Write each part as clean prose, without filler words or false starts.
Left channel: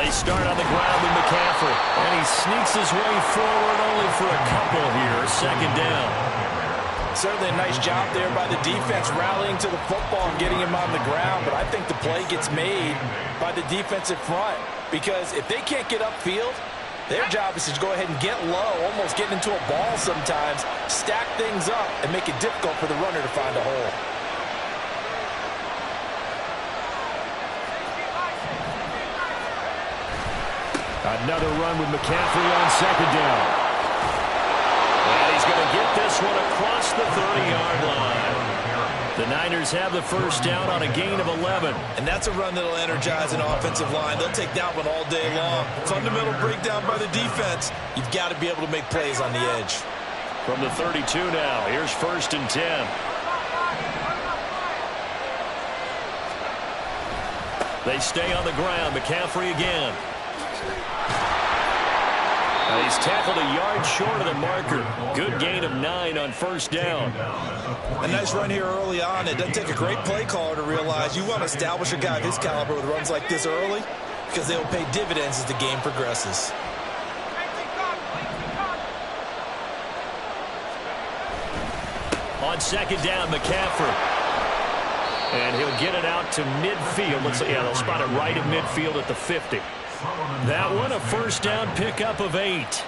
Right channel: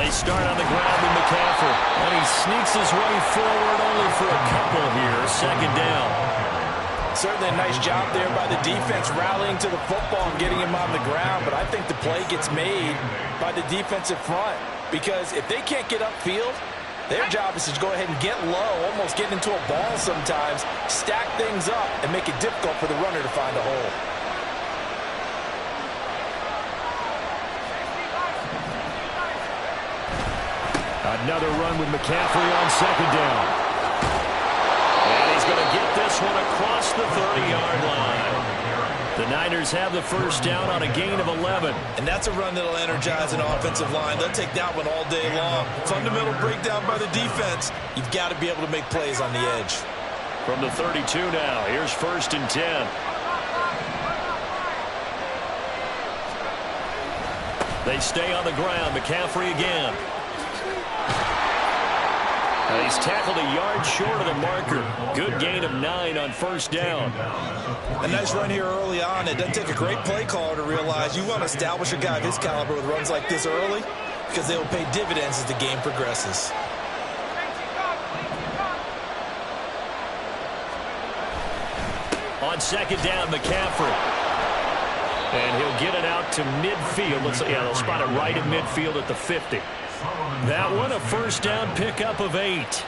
They start on the ground with McCaffrey, and he sneaks his way forward only for a couple here. Second down. Certainly a nice job there by the defense rallying to the football and getting him on the ground, but I think the play gets made by the defensive front because if they can't get upfield, their job is to go ahead and get low, almost get into a ball sometimes, stack things up, and make it difficult for the runner to find a hole. Another run with McCaffrey on second down. And he's going to get this one across the 30-yard line. The Niners have the first down on a gain of 11. And that's a run that'll energize an offensive line. They'll take that one all day long. Fundamental breakdown by the defense. You've got to be able to make plays on the edge. From the 32 now, here's 1st and 10. They stay on the ground. McCaffrey again. And he's tackled a yard short of the marker. Good gain of 9 on first down. A nice run here early on. It doesn't take a great play caller to realize you want to establish a guy of his caliber with runs like this early because they will pay dividends as the game progresses. On second down, McCaffrey. And he'll get it out to midfield. They'll spot it right at midfield at the 50. That one, a first down pickup of 8.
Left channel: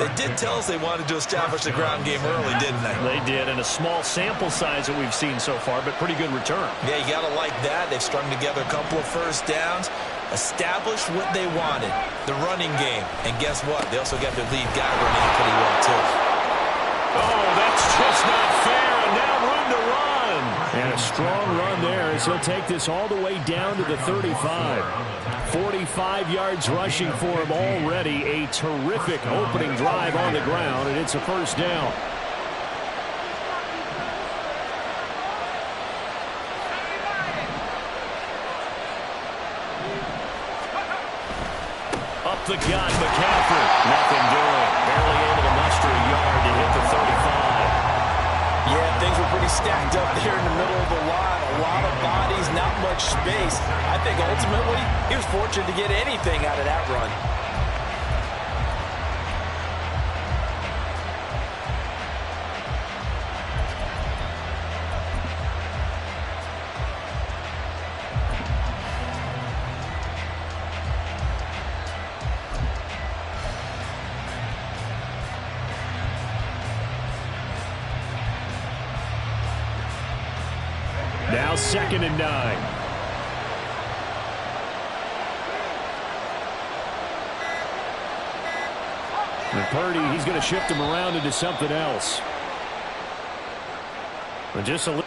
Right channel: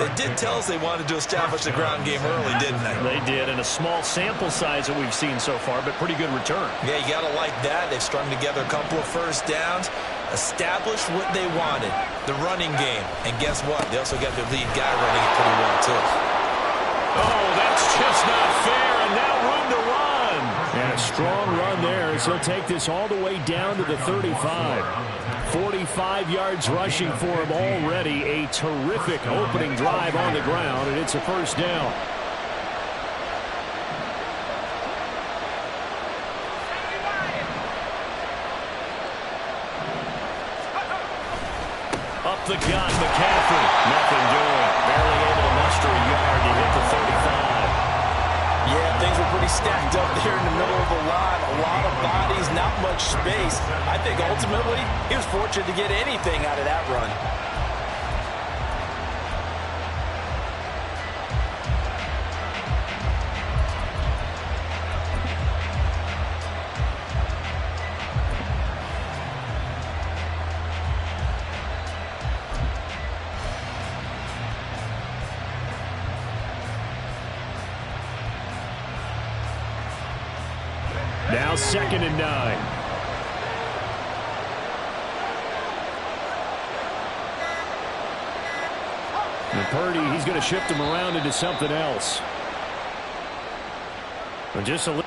They did tell us they wanted to establish the ground game early, didn't they? They did, and a small sample size that we've seen so far, but pretty good return. Yeah, you got to like that. They've strung together a couple of first downs, established what they wanted, the running game. And guess what? They also got their lead guy running it pretty well, too. Oh, that's just not fair, and now room to run. And a strong run there as he'll take this all the way down to the 35. 45 yards rushing for him already. A terrific opening drive on the ground, and it's a first down. Up the gut, McCaffrey. Nothing doing. Barely able to muster a yard to hit the 35. Yeah, things were pretty stacked up there in the middle of the line. A lot of bodies, not much space. I think ultimately he was fortunate to get anything out of that run. Now 2nd and 9. And Purdy, he's going to shift him around into something else. And just a little.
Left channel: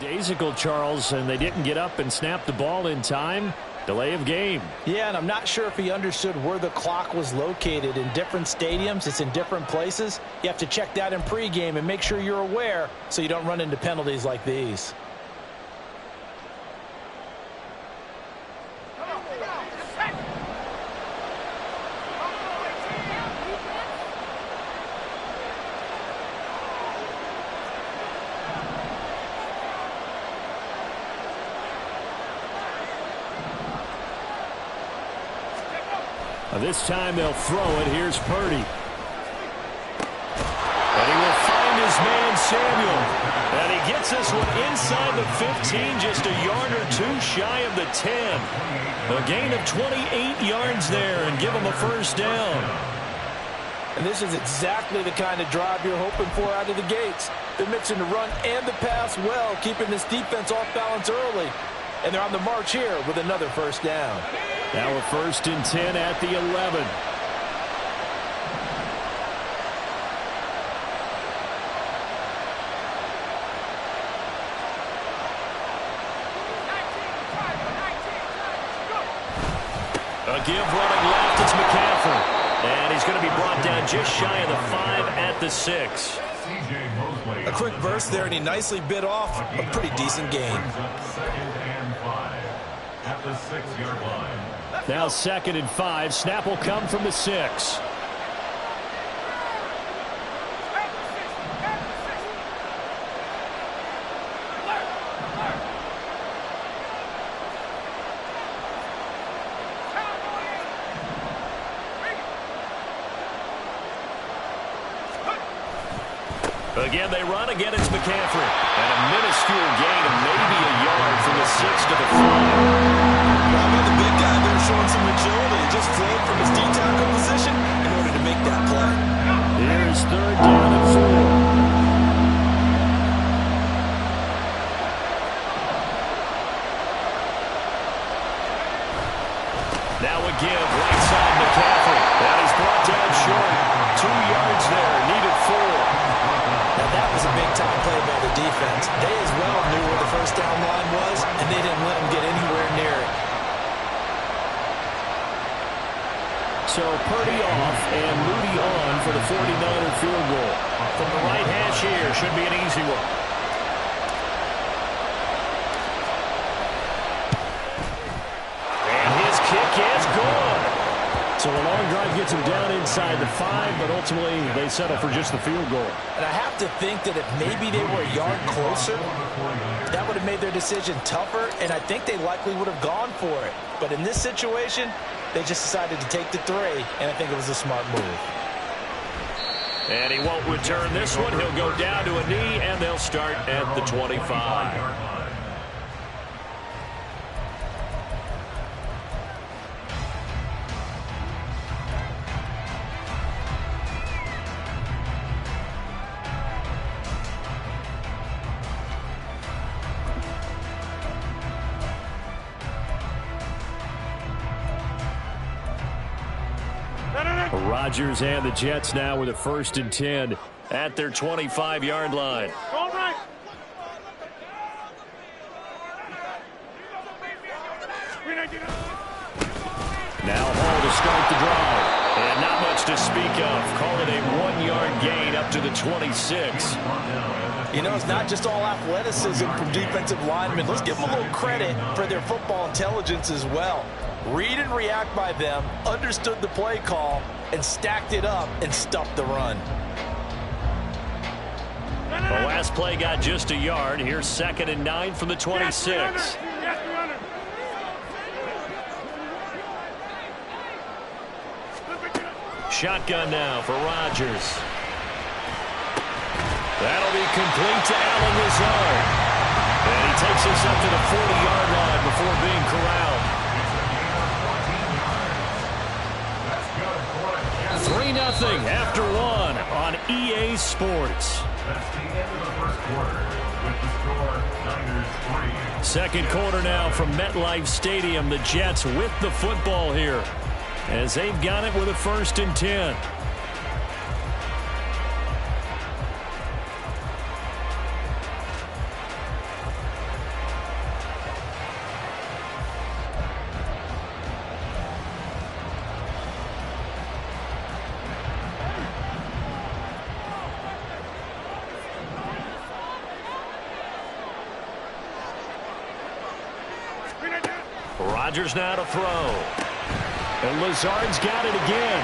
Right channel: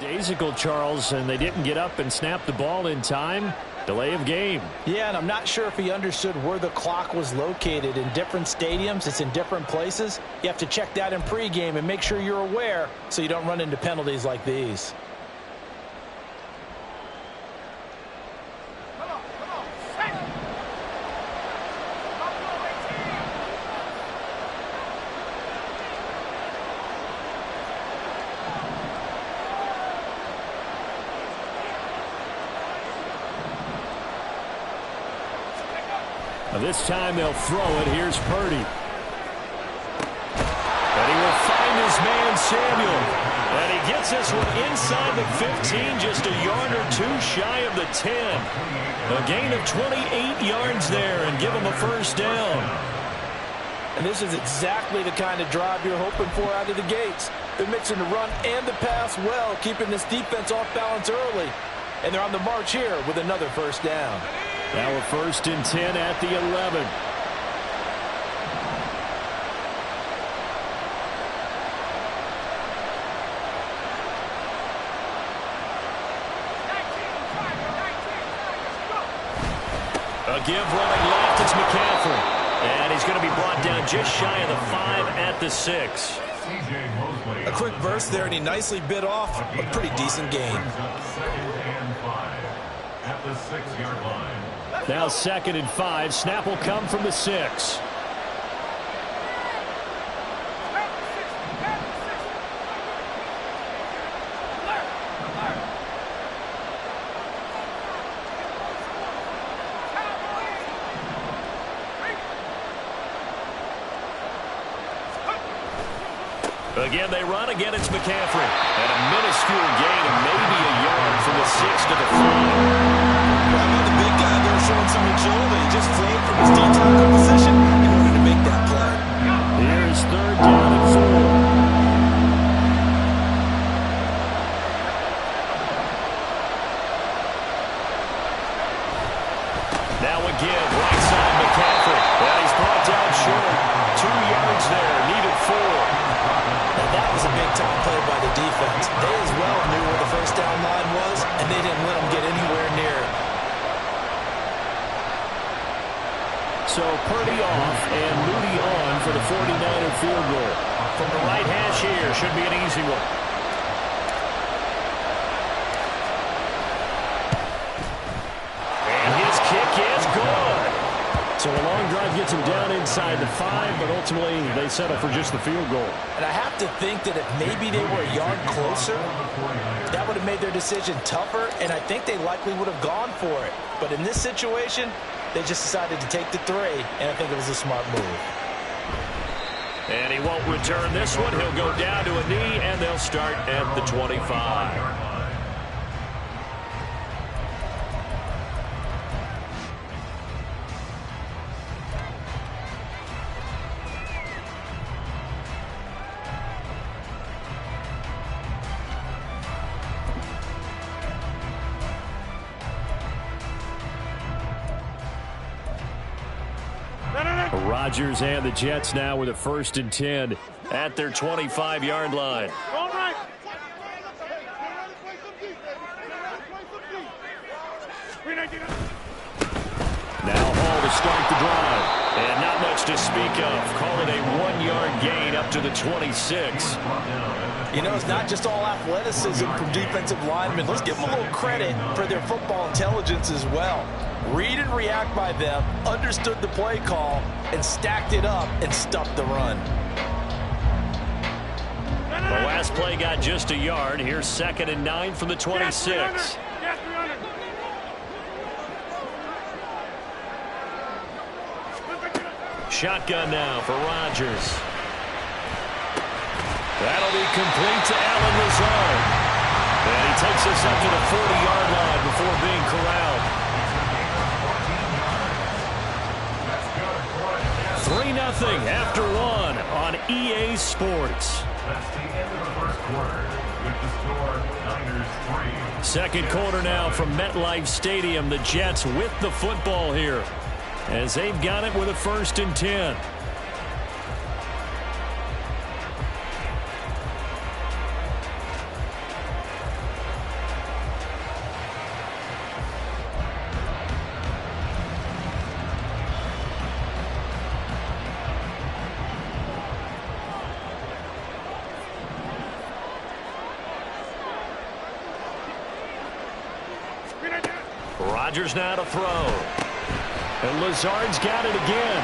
Days ago, Charles, and they didn't get up and snap the ball in time. Delay of game. Yeah, and I'm not sure if he understood where the clock was located. In different stadiums, it's in different places. You have to check that in pregame and make sure you're aware so you don't run into penalties like these. This time they'll throw it. Here's Purdy. And he will find his man Samuel. And he gets this one inside the 15, just a yard or two shy of the 10. A gain of 28 yards there and give him a first down. And this is exactly the kind of drive you're hoping for out of the gates. They're mixing the run and the pass well, keeping this defense off balance early. And they're on the march here with another first down. Now a 1st and 10 at the 11. A give running left, it's McCaffrey. And he's going to be brought down just shy of the 5 at the 6. A quick burst there, and he nicely bit off a pretty decent gain. At the 6-yard line. Now 2nd and 5. Snap will come from the 6. Again, they run. Again, it's McCaffrey. And a minuscule gain of maybe a yard from the 6 to the 5. How about the big guy there showing some agility? He just flowed from his D-tackle position in order to make that play. Here's 3rd down and 4. Now a give, right side McCaffrey. And he's brought down short. 2 yards there, needed 4. Now that was a big-time play by the defense. They as well knew where the first down line was, and they didn't let them get anywhere near it. So Purdy off and Moody on for the 49er field goal. From the right hash here, should be an easy one. And his kick is good. So a long drive gets him down inside the 5, but ultimately they settle for just the field goal. And I have to think that if maybe they were a yard closer, that would have made their decision tougher, and I think they likely would have gone for it. But in this situation, they just decided to take the 3, and I think it was a smart move. And he won't return this one. He'll go down to a knee, and they'll start at the 25. Rodgers and the Jets now with a 1st and 10 at their 25-yard line. All right. Now Hall to start the drive. And not much to speak of. Call it a 1-yard gain up to the 26. You know, it's not just all athleticism from defensive linemen. Let's give them a little credit for their football intelligence as well. Read and react by them, understood the play call, and stacked it up and stuffed the run. The last play got just a yard. Here's 2nd and 9 from the 26. Shotgun now for Rodgers. That'll be complete to Allen Lazard. And he takes us up to the 40-yard line before being corralled. 3-0 after 1 on EA Sports. That's the end of the first quarter with the score Niners 3. Second quarter now from MetLife Stadium. The Jets with the football here as they've got it with a 1st and 10. Rodgers now to throw. And Lazard's got it again.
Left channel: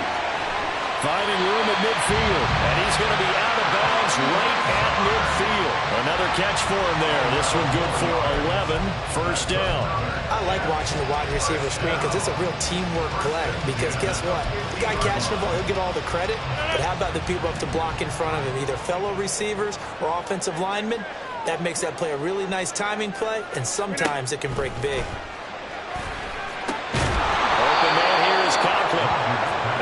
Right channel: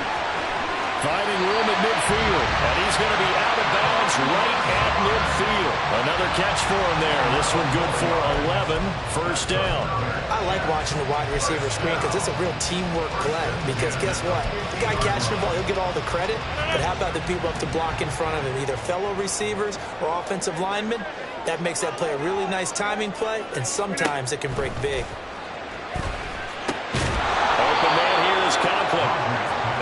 Finding room at midfield. And he's going to be out of bounds right at midfield. Another catch for him there. This one good for 11. 1st down. I like watching the wide receiver screen because it's a real teamwork play. Because guess what? The guy catching the ball, he'll get all the credit. But how about the people up to block in front of him? Either fellow receivers or offensive linemen. That makes that play a really nice timing play. And sometimes it can break big. Open man here is Conklin.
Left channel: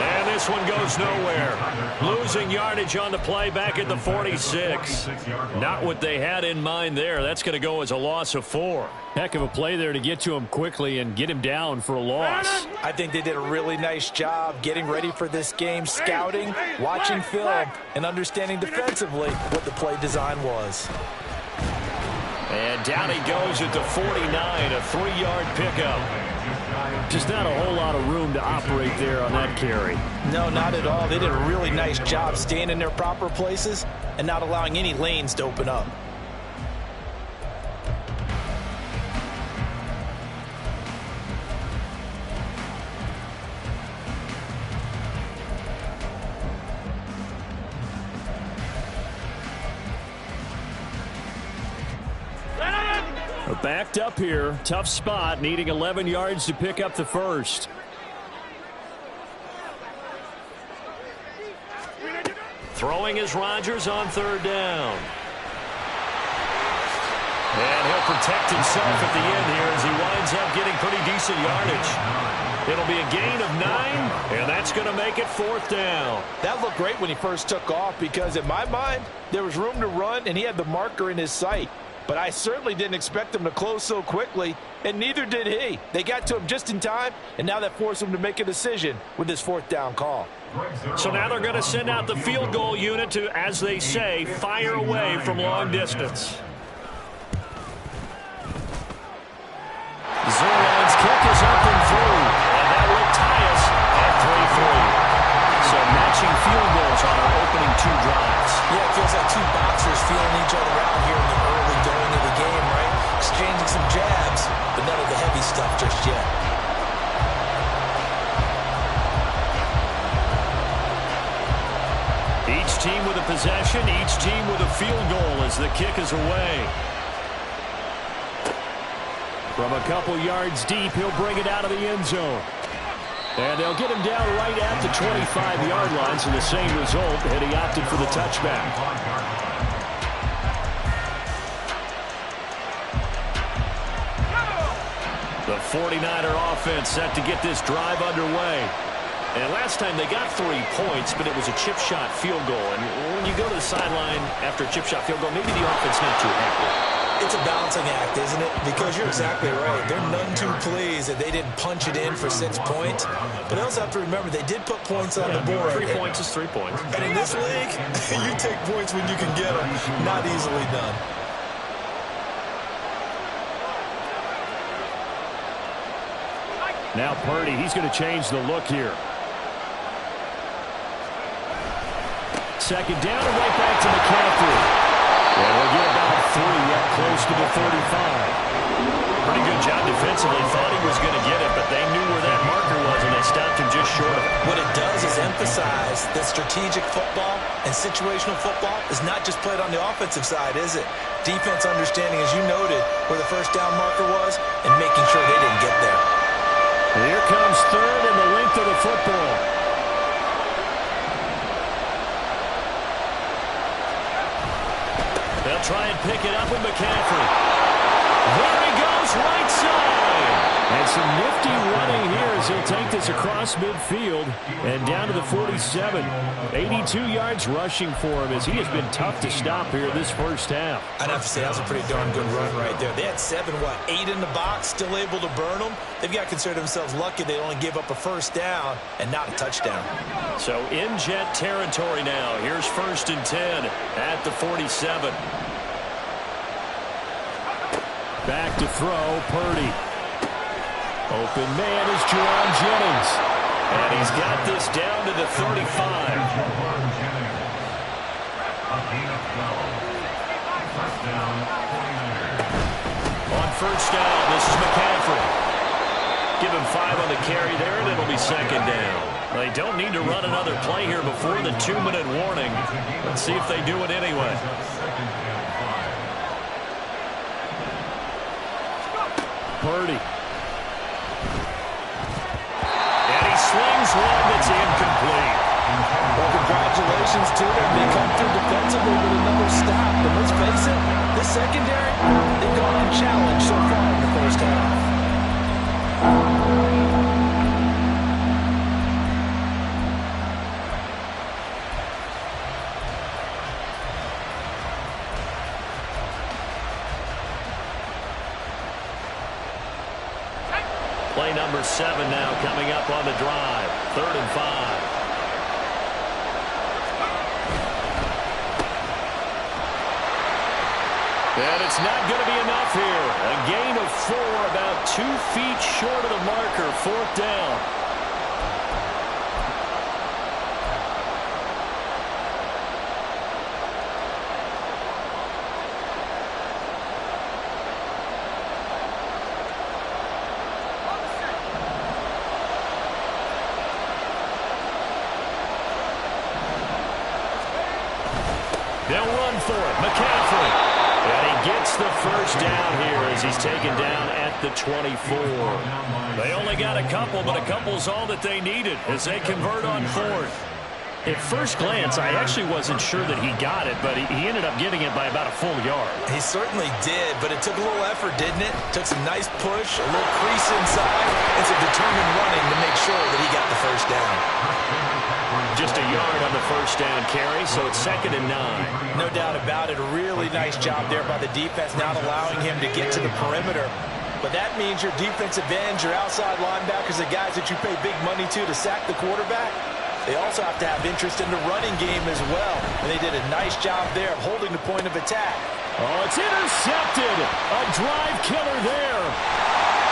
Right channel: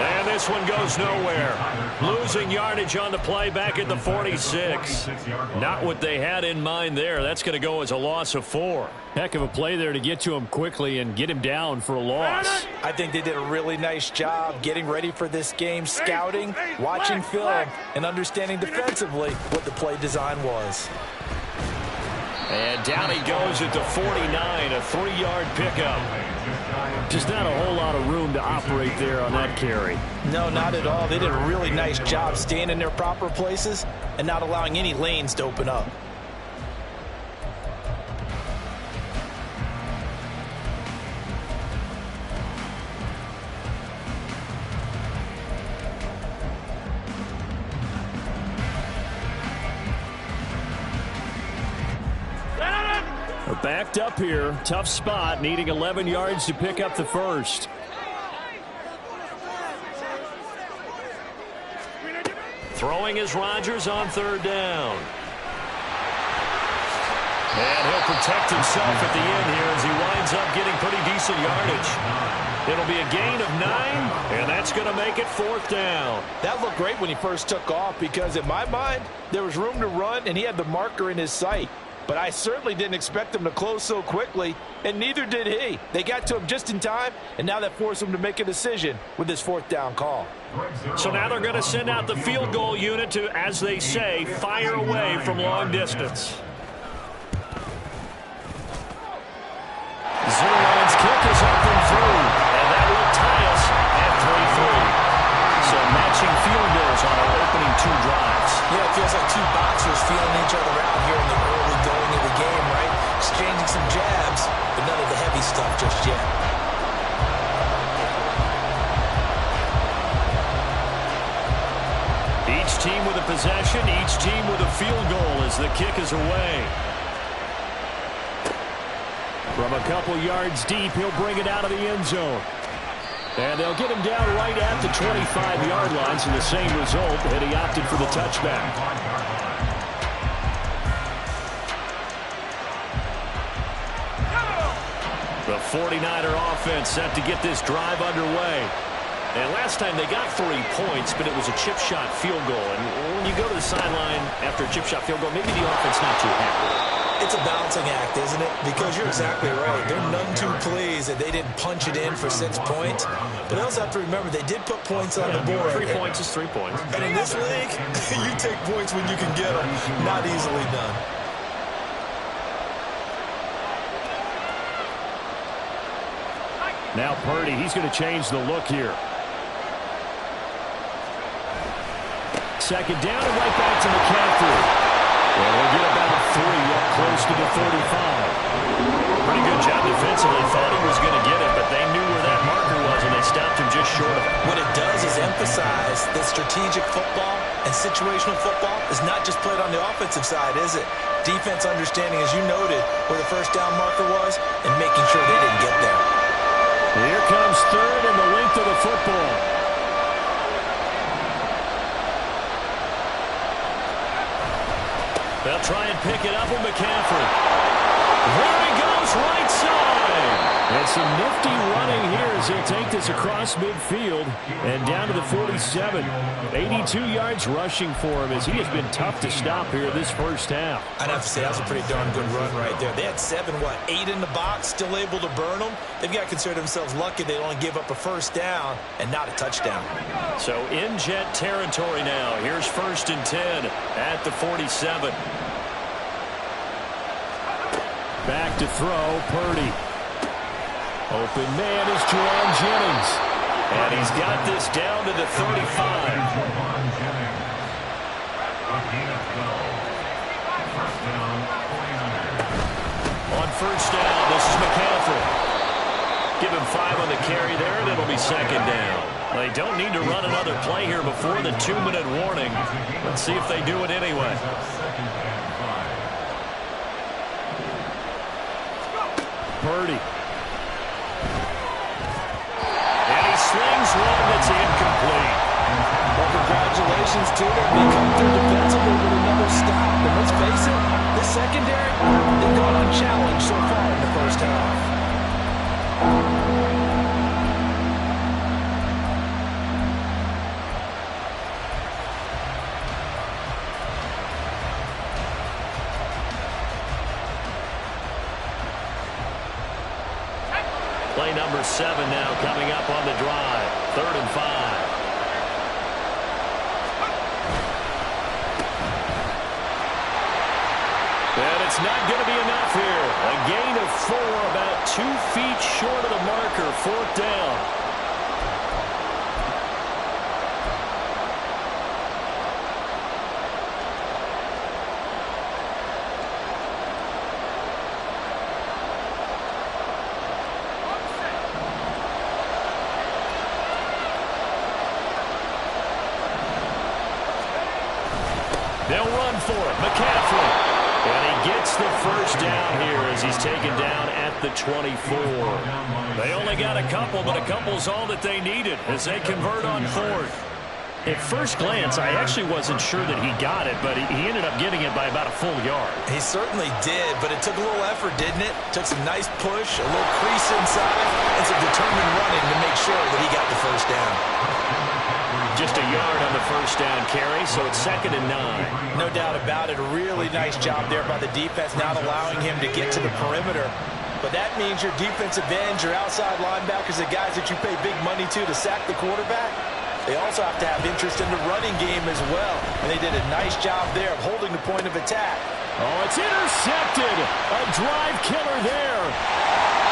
And this one goes nowhere. Losing yardage on the play back at the 46. Not what they had in mind there. That's going to go as a loss of 4. Heck of a play there to get to him quickly and get him down for a loss. I think they did a really nice job getting ready for this game, scouting, watching film, and understanding defensively what the play design was. And down he goes at the 49, a 3-yard pickup. Just not a whole lot of room to operate there on that carry. No, not at all. They did a really nice job staying in their proper places and not allowing any lanes to open up. Backed up here. Tough spot. Needing 11 yards to pick up the first. Throwing is Rodgers on third down. And he'll protect himself at the end here as he winds up getting pretty decent yardage. It'll be a gain of 9, and that's going to make it fourth down. That looked great when he first took off because, in my mind, there was room to run, and he had the marker in his sight. But I certainly didn't expect him to close so quickly, and neither did he. They got to him just in time, and now that forced him to make a decision with this fourth down call. So now they're going to send out the field goal unit to, as they say, fire away from long distance. Zerline's kick is up and through, and that will tie us at 3-3. So matching field goals on our opening 2 drives. Yeah, it feels like 2 boxers feeling each other out here in the early going of the game, right? Exchanging some jabs, but none of the heavy stuff just yet. Each team with a possession, each team with a field goal as the kick is away. From a couple yards deep, he'll bring it out of the end zone. And they'll get him down right at the 25-yard line, so the same result, and he opted for the touchback. The 49er offense set to get this drive underway. And last time they got 3 points, but it was a chip shot field goal. And when you go to the sideline after a chip shot field goal, maybe the offense not too happy. It's a balancing act, isn't it? Because you're exactly right. They're none too pleased that they didn't punch it in for 6 points. But they also have to remember they did put points on the board. 3 points is 3 points. And in this league, you take points when you can get them. Not easily done. Now Purdy, he's going to change the look here. Second down and right back to McCaffrey. And we'll get about 3 up close to the 35. Pretty good job defensively. Thought he was going to get it, but they knew where that marker was, and they stopped him just short of it. What it does is emphasize that strategic football and situational football is not just played on the offensive side, is it? Defense understanding, as you noted, where the first down marker was and making sure they didn't get there. Here comes third and the length of the football. They'll try and pick it up with McCaffrey. There he goes, right side. And some nifty running here as he'll take this across midfield and down to the 47. 82 yards rushing for him as he has been tough to stop here this first half. I'd have to say that was a pretty darn good run right there. They had 8 in the box, still able to burn them. They've got to consider themselves lucky they only gave up a first down and not a touchdown. So in jet territory now. Here's 1st and 10 at the 47. Back to throw, Purdy. Open man is Juwan Jennings. And he's got this down to the 35. Juwan Jennings. A gain of 12. First down, 49ers. On first down, this is McCaffrey. Give him 5 on the carry there, and it'll be second down. They don't need to run another play here before the 2-minute warning. Let's see if they do it anyway. Purdy. And he slings one that's incomplete. Well, congratulations to them. They come through defensively with another stop. But let's face it, this secondary, they've gone unchallenged so far in the first half. Play number 7 now coming up on the drive. 3rd and 5. And it's not going to be enough here. A gain of 4, about 2 feet short of the marker, 4th down. They'll run for it. McCaffrey. And he gets the first down here as he's taken down at the 24. They only got a couple, but a couple's all that they needed as they convert on 4th. At first glance, I actually wasn't sure that he got it, but he ended up getting it by about a full yard. He certainly did, but it took a little effort, didn't it? Took some nice push, a little crease inside, and some determined running to make sure that he got the first down. Just a yard on the first down carry, so it's 2nd and 9. No doubt about it. A really nice job there by the defense, not allowing him to get to the perimeter. But that means your defensive ends, your outside linebackers, the guys that you pay big money to sack the quarterback, they also have to have interest in the running game as well. And they did a nice job there of holding the point of attack. Oh, it's intercepted. A drive killer there.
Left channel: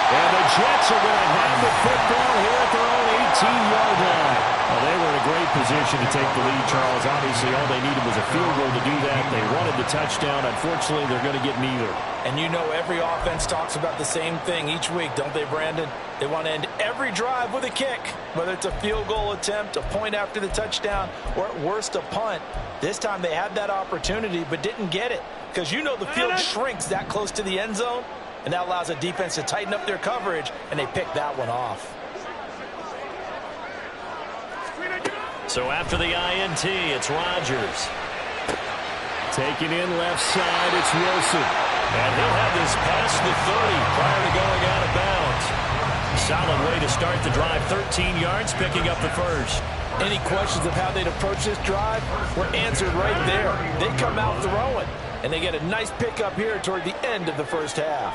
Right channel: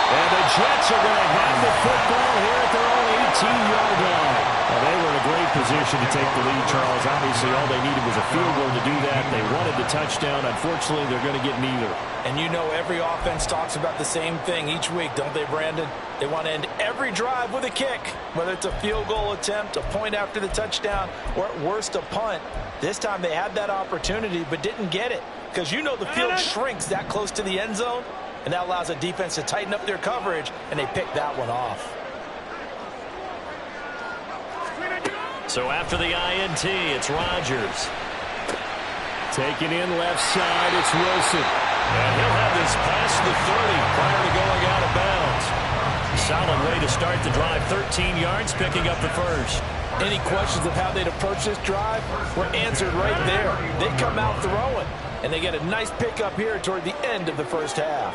And the Jets are going to have the football here at their own 18-yard line. Well, they were in a great position to take the lead, Charles. Obviously, all they needed was a field goal to do that. They wanted the touchdown. Unfortunately, they're going to get neither. And you know every offense talks about the same thing each week, don't they, Brandon? They want to end every drive with a kick, whether it's a field goal attempt, a point after the touchdown, or at worst a punt. This time they had that opportunity but didn't get it because you know the field shrinks that close to the end zone, and that allows a defense to tighten up their coverage, and they picked that one off. So after the INT, it's Rodgers. Taking in left side, it's Wilson. And he'll have this past the 30 prior to going out of bounds. Solid way to start the drive. 13 yards, picking up the first. Any questions of how they'd approach this drive were answered right there. They come out throwing, and they get a nice pickup here toward the end of the first half.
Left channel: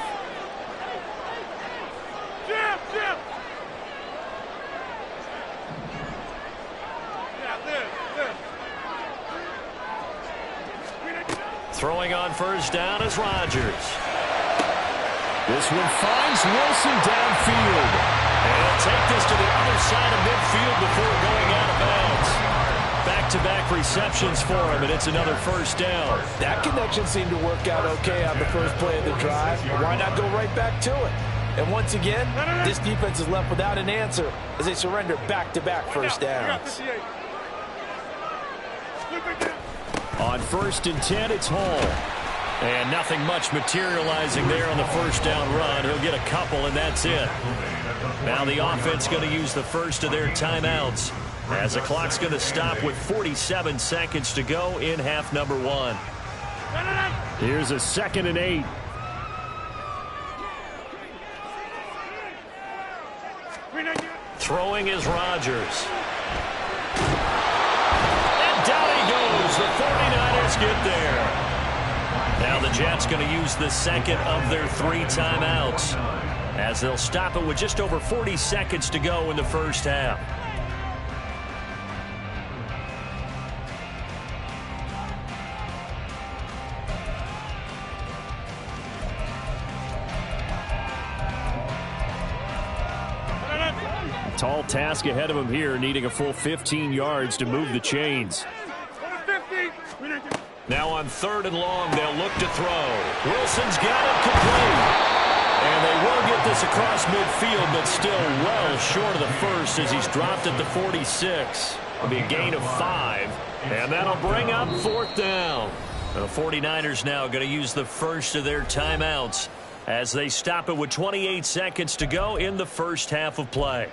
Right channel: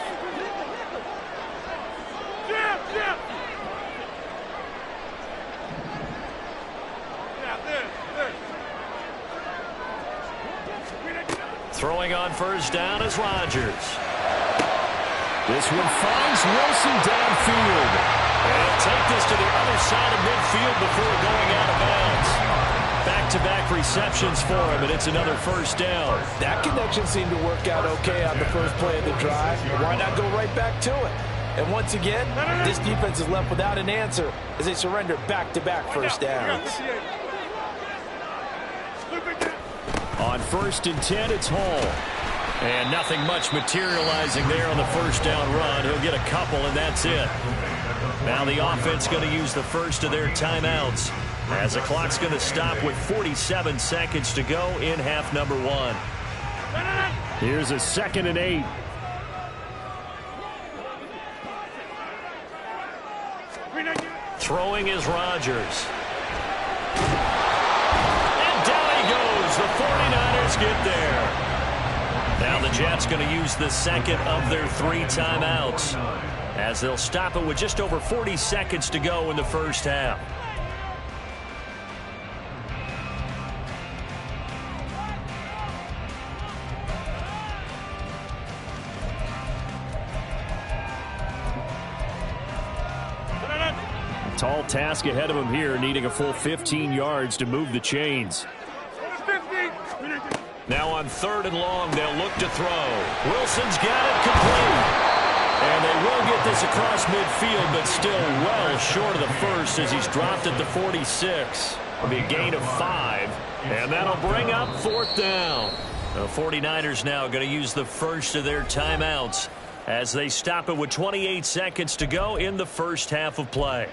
Throwing on first down is Rodgers. This one finds Wilson downfield. And he'll take this to the other side of midfield before going out of bounds. Back-to-back receptions for him, and it's another first down. That connection seemed to work out okay on the first play of the drive. Why not go right back to it? And once again, this defense is left without an answer as they surrender back-to-back first downs. On 1st and 10, it's Hall. And nothing much materializing there on the first down run. He'll get a couple, and that's it. Now the offense going to use the first of their timeouts as the clock's going to stop with 47 seconds to go in half number 1. Here's a 2nd and 8. Throwing is Rodgers. And down he goes. The 49ers get there. Now the Jets going to use the second of their 3 timeouts as they'll stop it with just over 40 seconds to go in the first half. Tall task ahead of him here, needing a full 15 yards to move the chains. Now on 3rd and long, they'll look to throw. Wilson's got it complete. And they will get this across midfield, but still well short of the first as he's dropped at the 46. It'll be a gain of 5, and that'll bring up 4th down. The 49ers now going to use the first of their timeouts as they stop it with 28 seconds to go in the first half of play.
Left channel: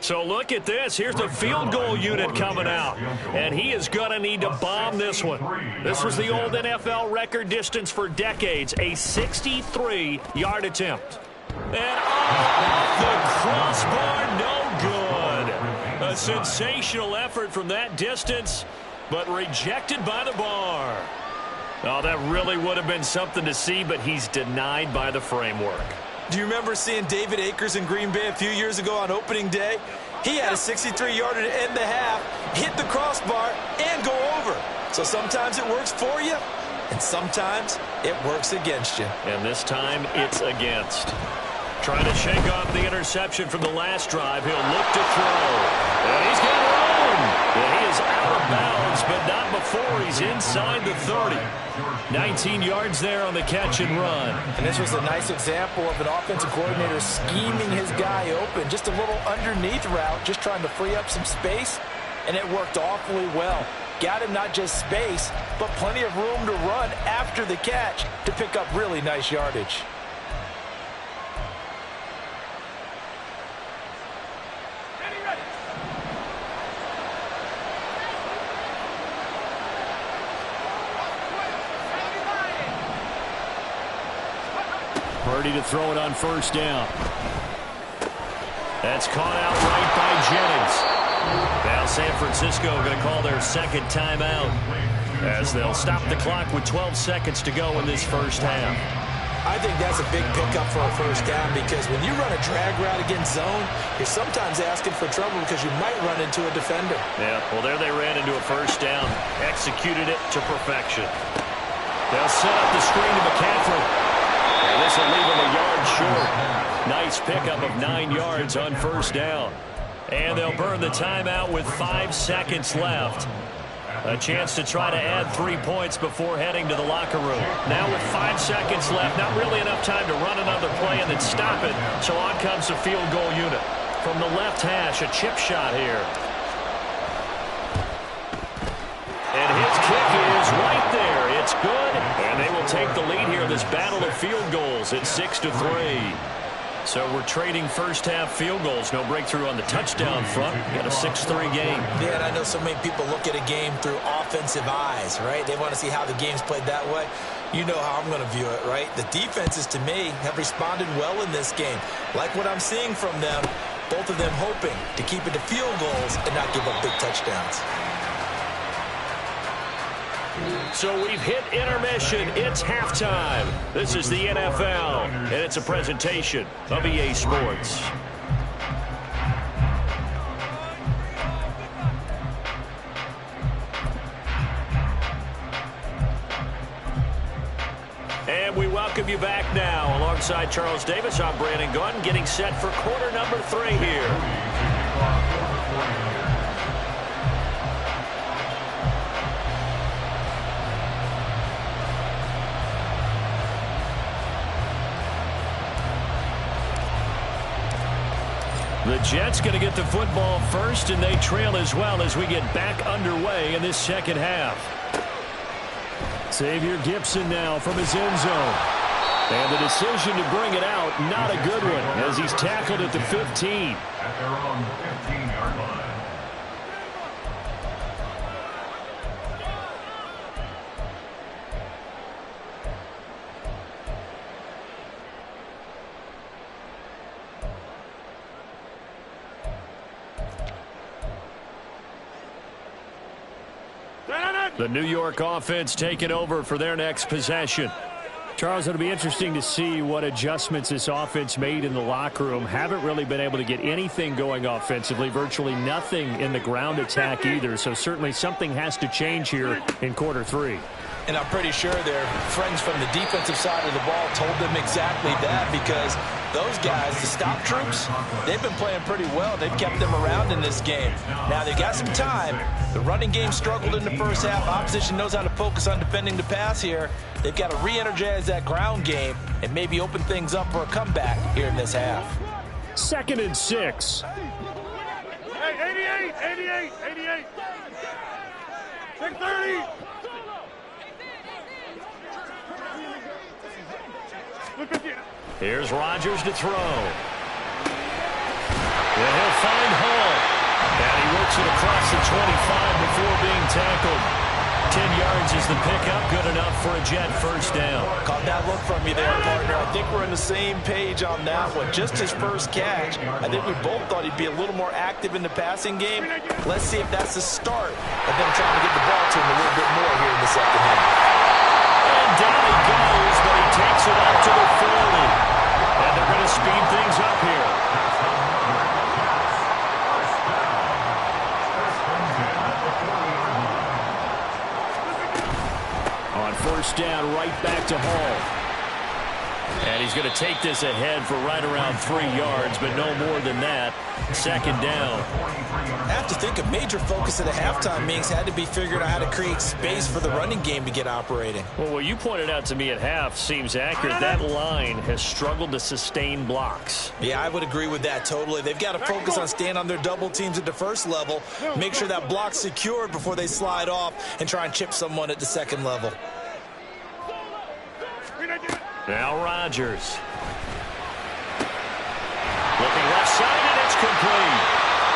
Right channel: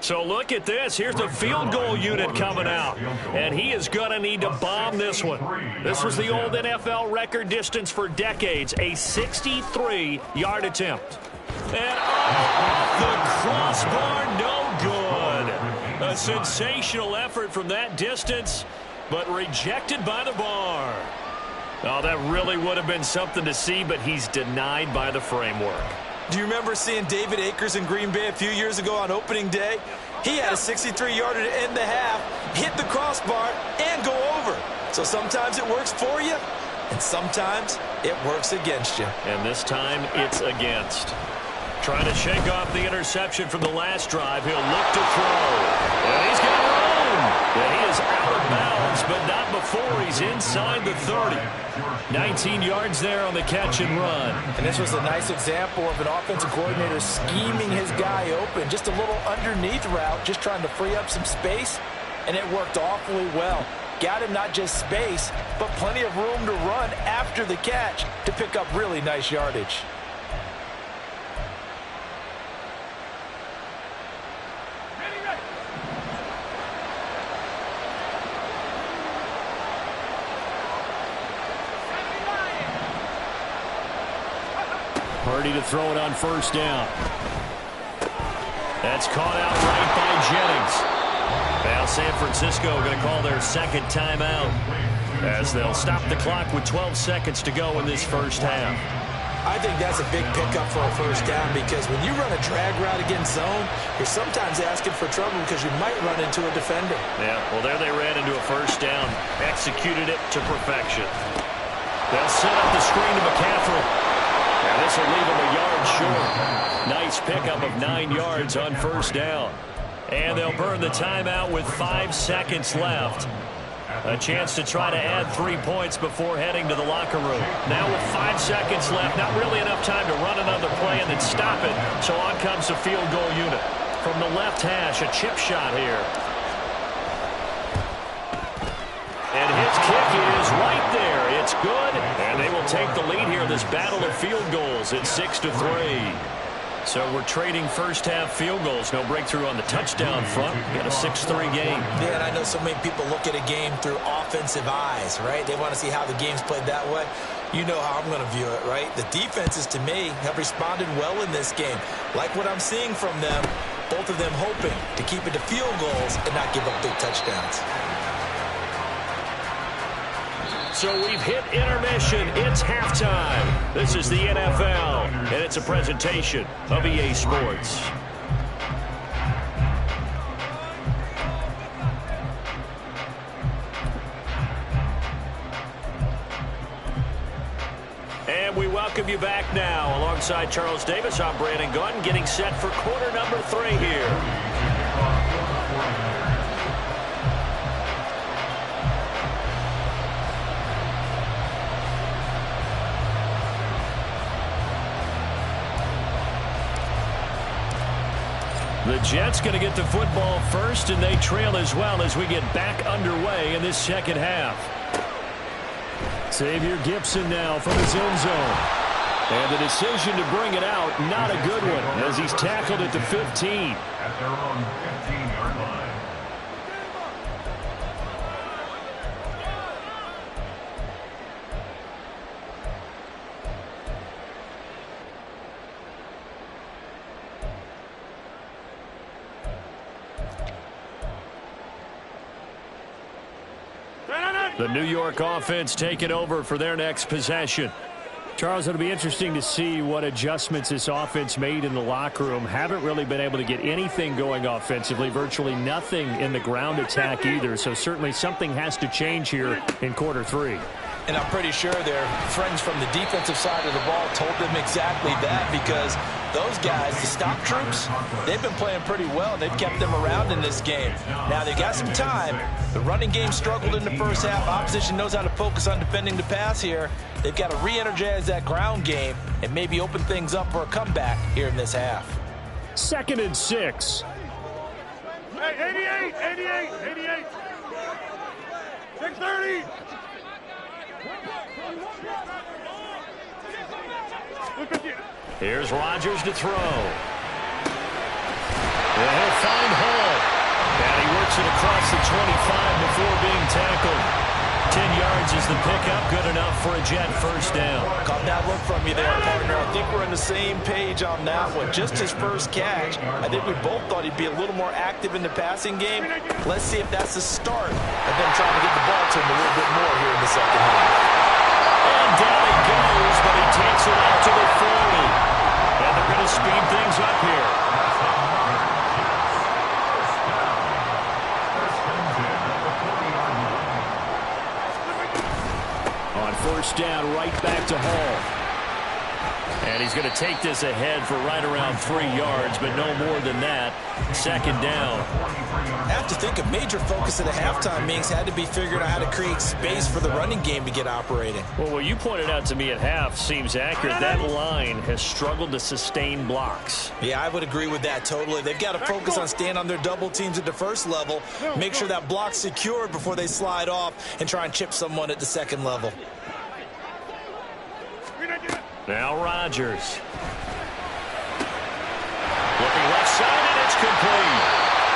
So look at this. Here's the field goal unit coming out. And he is going to need to bomb this one. This was the old NFL record distance for decades, a 63-yard attempt. And off the crossbar, no good. A sensational effort from that distance, but rejected by the bar. Oh, that really would have been something to see, but he's denied by the framework. Do you remember seeing David Akers in Green Bay a few years ago on opening day? He had a 63-yarder to end the half, hit the crossbar, and go over. So sometimes it works for you, and sometimes it works against you. And this time it's against. Trying to shake off the interception from the last drive. He'll look to throw. And he's got room. And he is out of bounds, but not before he's inside the 30. 19 yards there on the catch and run. And this was a nice example of an offensive coordinator scheming his guy open. Just a little underneath route, just trying to free up some space, and it worked awfully well. Got him not just space, but plenty of room to run after the catch to pick up really nice yardage. Purdy to throw it on first down. That's caught out right by Jennings. Now San Francisco going to call their second timeout as they'll stop the clock with 12 seconds to go in this first half. I think that's a big pickup for a first down because when you run a drag route against zone, you're sometimes asking for trouble because you might run into a defender. Yeah, well, there they ran into a first down. Executed it to perfection. They'll set up the screen to McCaffrey. And this will leave him a yard short. Nice pickup of 9 yards on first down. And they'll burn the timeout with 5 seconds left. A chance to try to add 3 points before heading to the locker room. Now with 5 seconds left, not really enough time to run another play and then stop it. So on comes the field goal unit. From the left hash, a chip shot here. And his kick is right there. It's good. And they will take the lead here in this battle of field goals at 6-3. So we're trading first half field goals. No breakthrough on the touchdown front. Got a 6-3 game. Yeah, and I know so many people look at a game through offensive eyes, right? They want to see how the game's played that way. You know how I'm going to view it, right? The defenses, to me, have responded well in this game. Like what I'm seeing from them, both of them hoping to keep it to field goals and not give up big touchdowns. So we've hit intermission. It's halftime. This is the NFL, and it's a presentation of EA Sports. And we welcome you back now. Alongside Charles Davis, I'm Brandon Gunn, getting set for quarter number 3 here. The Jets going to get the football first, and they trail as well as we get back underway in this second half. Xavier Gipson now from his end zone. And the decision to bring it out, not a good one, as he's tackled at the 15. At their own 15-yard line. The New York offense taking over for their next possession. Charles, it'll be interesting to see what adjustments this offense made in the locker room. Haven't really been able to get anything going offensively, virtually nothing in the ground attack either. So certainly something has to change here in quarter 3. And I'm pretty sure their friends from the defensive side of the ball told them exactly that, because those guys, the stop troops, they've been playing pretty well. They've kept them around in this game. Now, they got some time. The running game struggled in the first half. Opposition knows how to focus on defending the pass here. They've got to re-energize that ground game and maybe open things up for a comeback here in this half. 2nd and 6. Hey, 88. 630. Here's Rodgers to throw. And he'll find Hall. And he works it across the 25 before being tackled. 10 yards is the pickup. Good enough for a Jet first down. Caught that look from you there, partner. I think we're on the same page on that one. Just his first catch. I think we both thought he'd be a little more active in the passing game. Let's see if that's the start of them trying to get the ball to him a little bit more here in the second half. And down he goes, but he takes it up to the 40. And they're going to speed things up here. On first down, right back to Hall. And he's going to take this ahead for right around 3 yards, but no more than that. Second down. I have to think a major focus of the halftime meetings had to be figuring out how to create space for the running game to get operating. Well, what you pointed out to me at half seems accurate. That line has struggled to sustain blocks. Yeah, I would agree with that totally. They've got to focus on staying on their double teams at the first level, make sure that block's secured before they slide off and try and chip someone at the second level. Now Rodgers. Looking left side, and it's complete.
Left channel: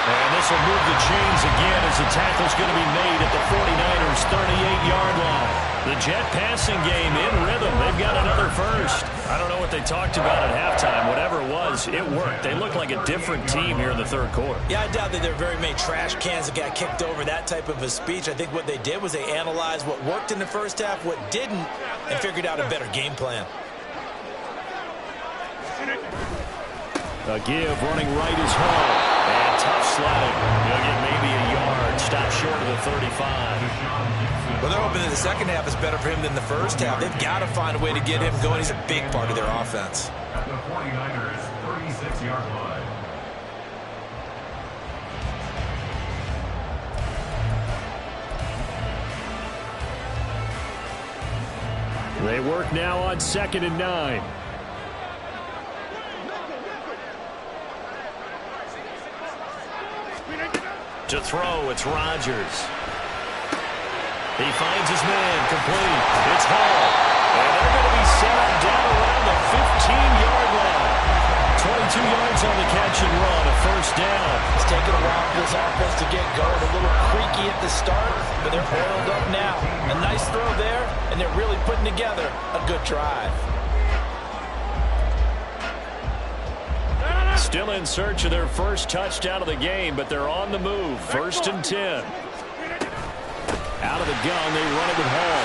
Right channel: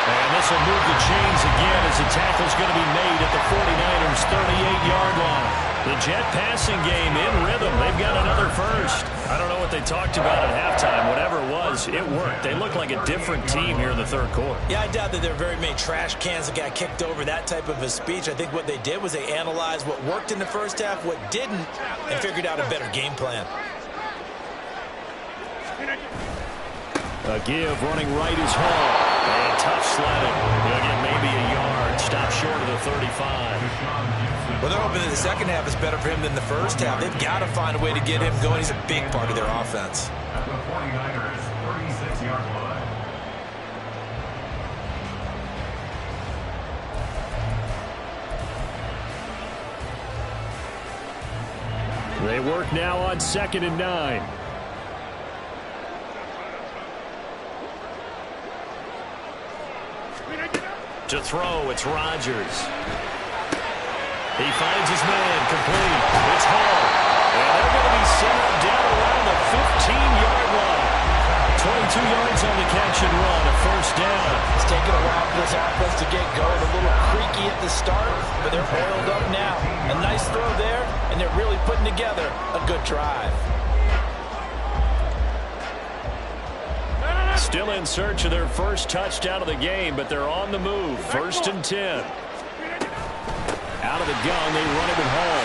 And this will move the chains again as the tackle's going to be made at the 49ers' 38-yard line. The Jet passing game in rhythm. They've got another first. I don't know what they talked about at halftime. Whatever it was, it worked. They look like a different team here in the third quarter. Yeah, I doubt that there are very many trash cans that got kicked over that type of a speech. I think what they did was they analyzed what worked in the first half, what didn't, and figured out a better game plan. A give running right is Hall. And tough sledding. He'll get maybe a yard. Stop short of the 35. Well, they're hoping that the second half is better for him than the first half. They've got to find a way to get him going. He's a big part of their offense. At the 49ers' 36-yard line. They work now on 2nd and 9. To throw, it's Rodgers. He finds his man, complete. It's Hall. And they're going to be set up down around the 15-yard line. 22 yards on the catch and run, a first down. It's taken a while for this offense to get going. A little creaky at the start, but they're oiled up now. A nice throw there, and they're really putting together a good drive. Still in search of their first touchdown of the game, but they're on the move. 1st and 10. Out of the gun, they run it with Hall.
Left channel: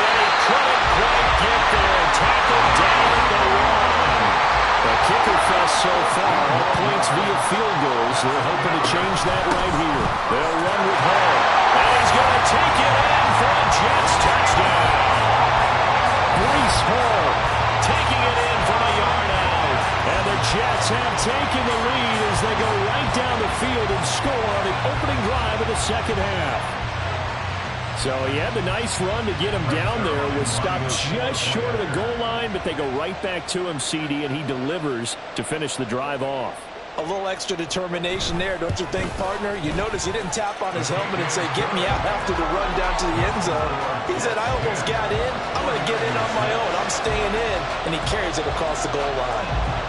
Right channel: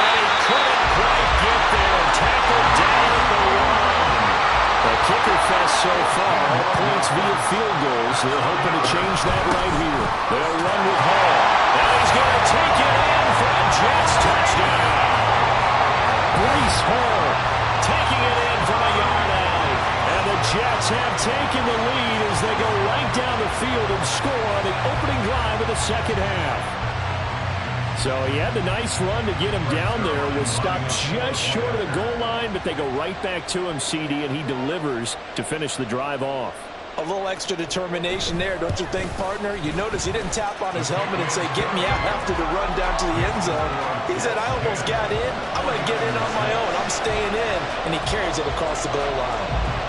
And he couldn't quite get there. Tackled down at the 1. The kicker fest so far, all points via field goals. They're hoping to change that right here. They'll run with Hall. And he's going to take it in for a Jets touchdown. Breece Hall taking it in from a yard out. And the Jets have taken the lead as they go right down the field and score on the opening drive of the second half. So he had the nice run to get him down there. Was stopped just short of the goal line, but they go right back to him, CD, and he delivers to finish the drive off. A little extra determination there, don't you think, partner? You notice he didn't tap on his helmet and say, get me out after the run down to the end zone. He said, I almost got in. I'm going to get in on my own. I'm staying in. And he carries it across the goal line.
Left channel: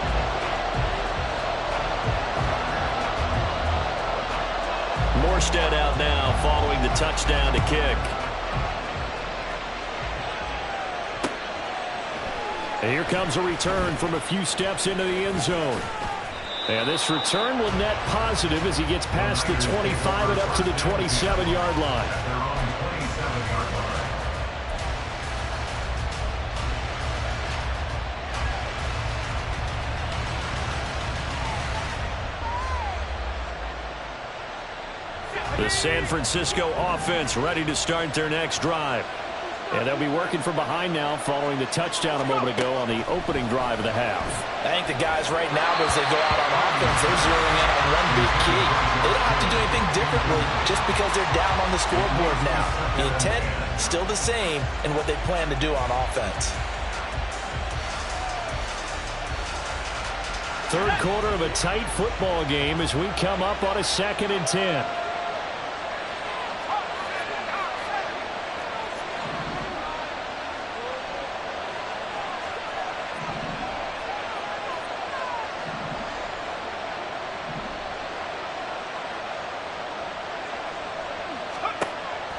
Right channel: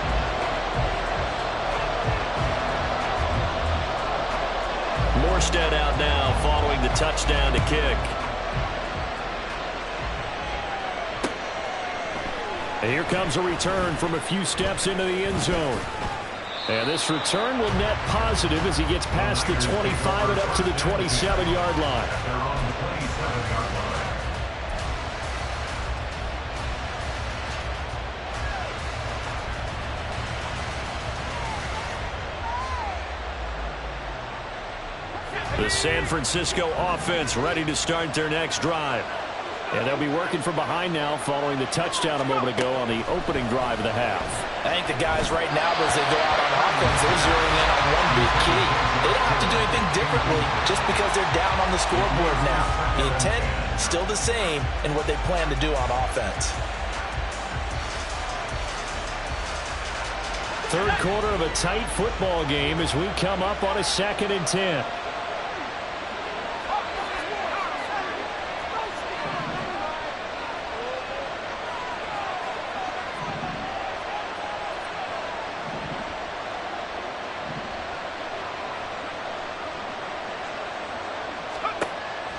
Morstead out now following the touchdown to kick. And here comes a return from a few steps into the end zone. And this return will net positive as he gets past the 25 and up to the 27-yard line. At their own 27-yard line. The San Francisco offense ready to start their next drive. And they'll be working from behind now following the touchdown a moment ago on the opening drive of the half. I think the guys right now, as they go out on offense, they're zeroing in on one big key. They don't have to do anything differently just because they're down on the scoreboard now. The intent, still the same in what they plan to do on offense. Third quarter of a tight football game as we come up on a 2nd and 10.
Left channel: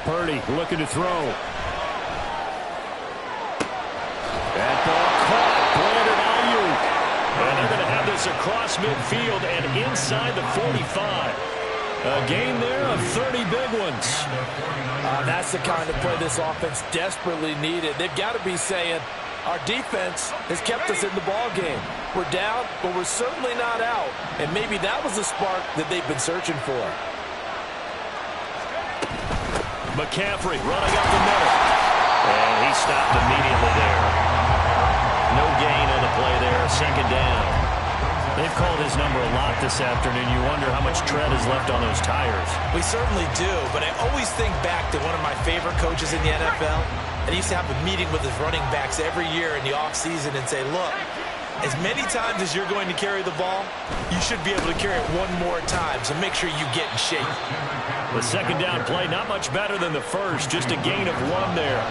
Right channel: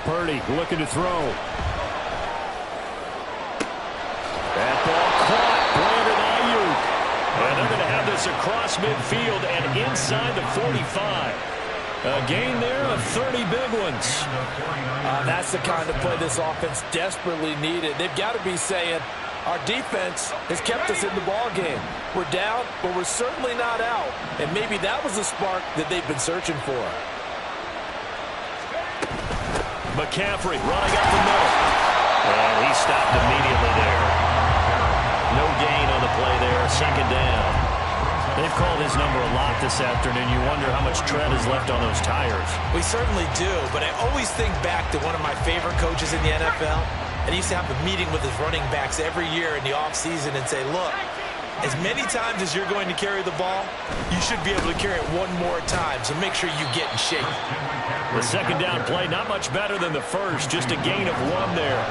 Purdy looking to throw. That ball caught. Brandon Ayuk. And they're going to have this across midfield and inside the 45. A gain there of 30 big ones. That's the kind of play this offense desperately needed. They've got to be saying, Our defense has kept us in the ball game. We're down, but we're certainly not out. And maybe that was the spark that they've been searching for. McCaffrey running up the middle. And he stopped immediately there. No gain on the play there. Second down. They've called his number a lot this afternoon. You wonder how much tread is left on those tires. We certainly do, but I always think back to one of my favorite coaches in the NFL. And he used to have a meeting with his running backs every year in the offseason and say, look, as many times as you're going to carry the ball, you should be able to carry it one more time, so make sure you get in shape. The second down play, not much better than the first, just a gain of 1 there.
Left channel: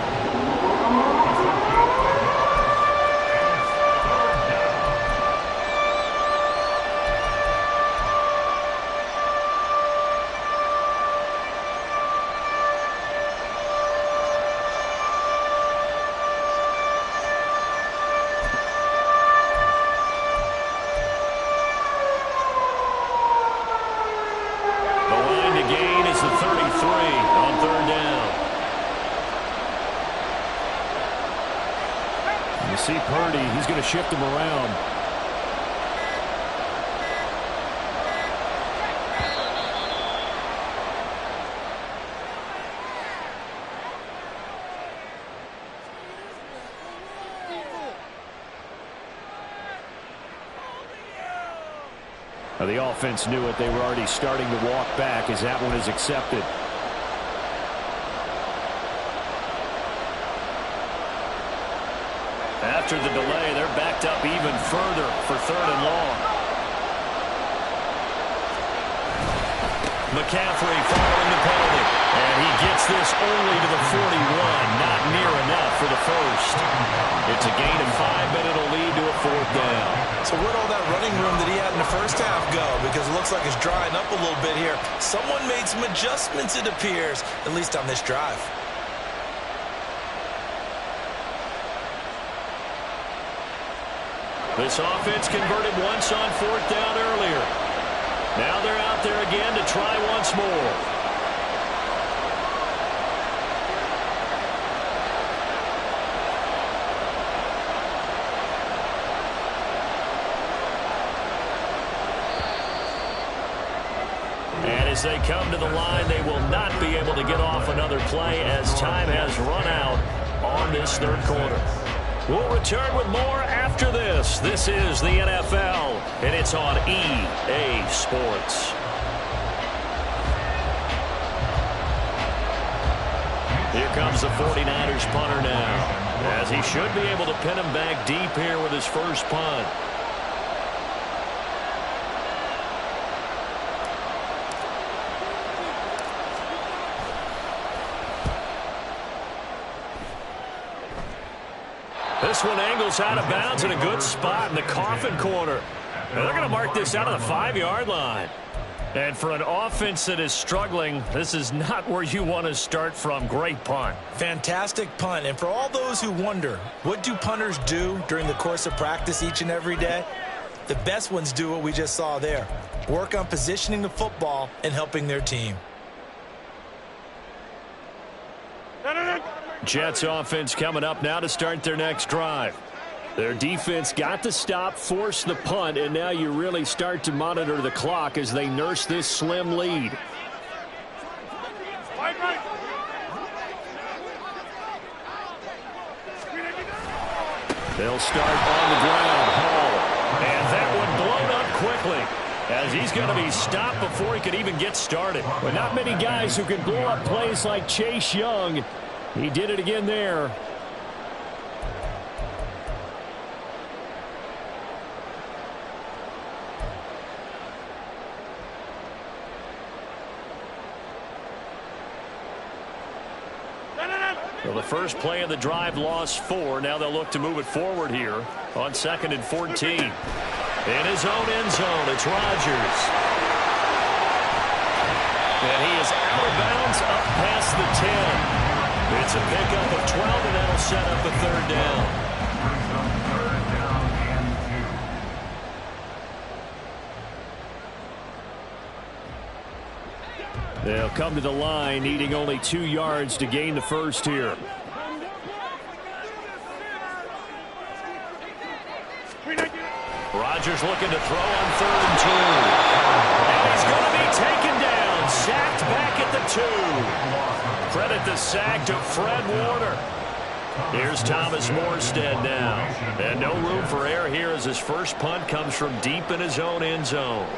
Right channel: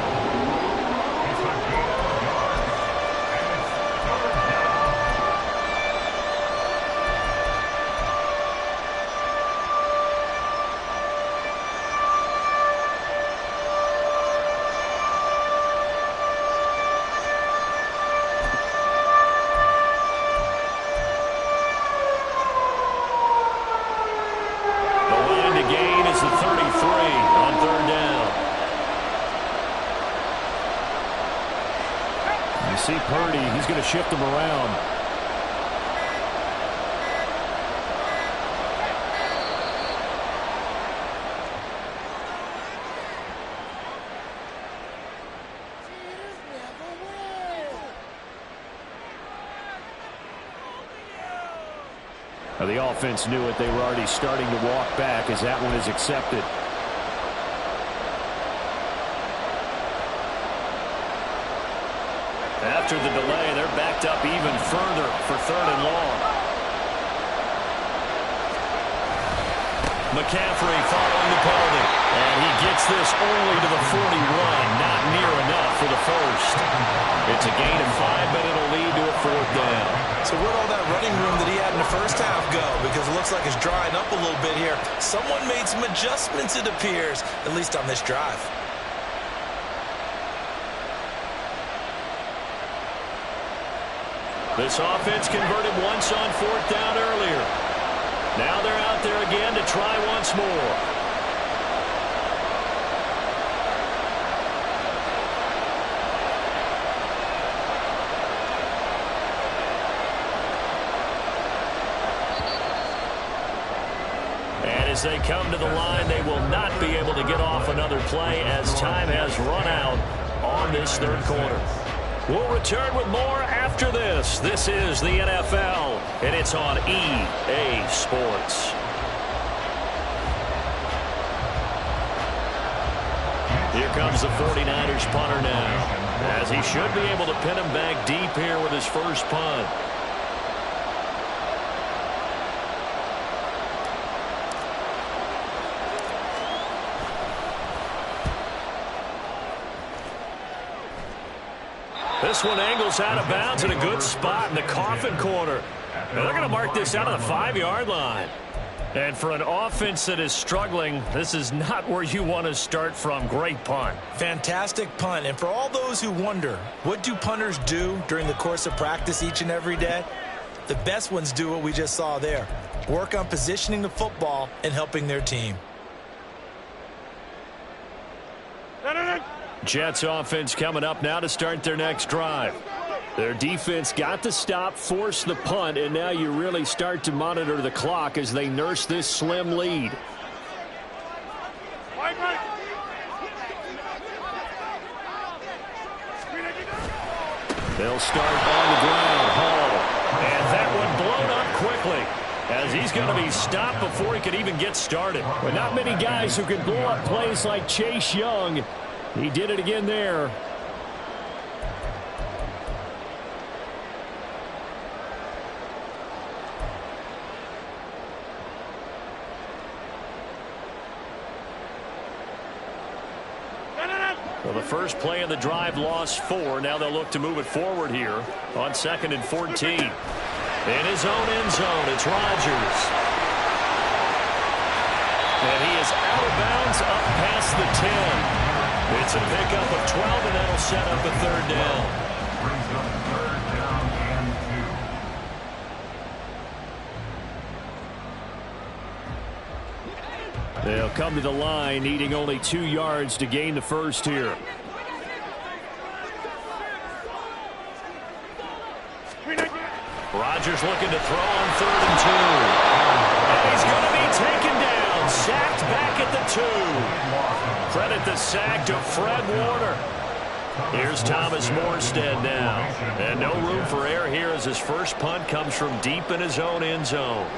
See Purdy, he's going to shift him around. Now the offense knew it. They were already starting to walk back as that one is accepted. After the delay, they're backed up even further for 3rd and long. McCaffrey following the penalty. And he gets this only to the 41. Not near enough for the first. It's a gain of 5, but it'll lead to a 4th down. So where'd all that running room that he had in the first half go? Because it looks like it's drying up a little bit here. Someone made some adjustments, it appears, at least on this drive. This offense converted once on 4th down earlier. Now they're out there again to try once more. And as they come to the line, they will not be able to get off another play as time has run out on this 3rd quarter. We'll return with more after this. This is the NFL, and it's on EA Sports. Here comes the 49ers punter now, as he should be able to pin him back deep here with his first punt. This one angles out of bounds in a good spot in the coffin corner. And they're going to mark this out of the 5-yard line. And for an offense that is struggling, this is not where you want to start from. Great punt. Fantastic punt. And for all those who wonder, what do punters do during the course of practice each and every day? The best ones do what we just saw there. Work on positioning the football and helping their team. Jets offense coming up now to start their next drive. Their defense got the stop, forced the punt, and now you really start to monitor the clock as they nurse this slim lead. They'll start on the ground. Hall. And that one blown up quickly, as he's going to be stopped before he could even get started. But not many guys who can blow up plays like Chase Young. He did it again there. Well, the first play of the drive lost 4. Now they'll look to move it forward here on 2nd and 14. In his own end zone, it's Rodgers. And he is out of bounds up past the 10. It's a pickup of 12, and that'll set up a 3rd down. Brings up 3rd down and 2. They'll come to the line, needing only 2 yards to gain the first here. Rodgers looking to throw on 3rd and 2. And he's going to be taken down. Sacked back at the 2. Credit the sack to Fred Warner. Here's Thomas Morstead now. And no room for error here as his first punt comes from deep in his own end zone.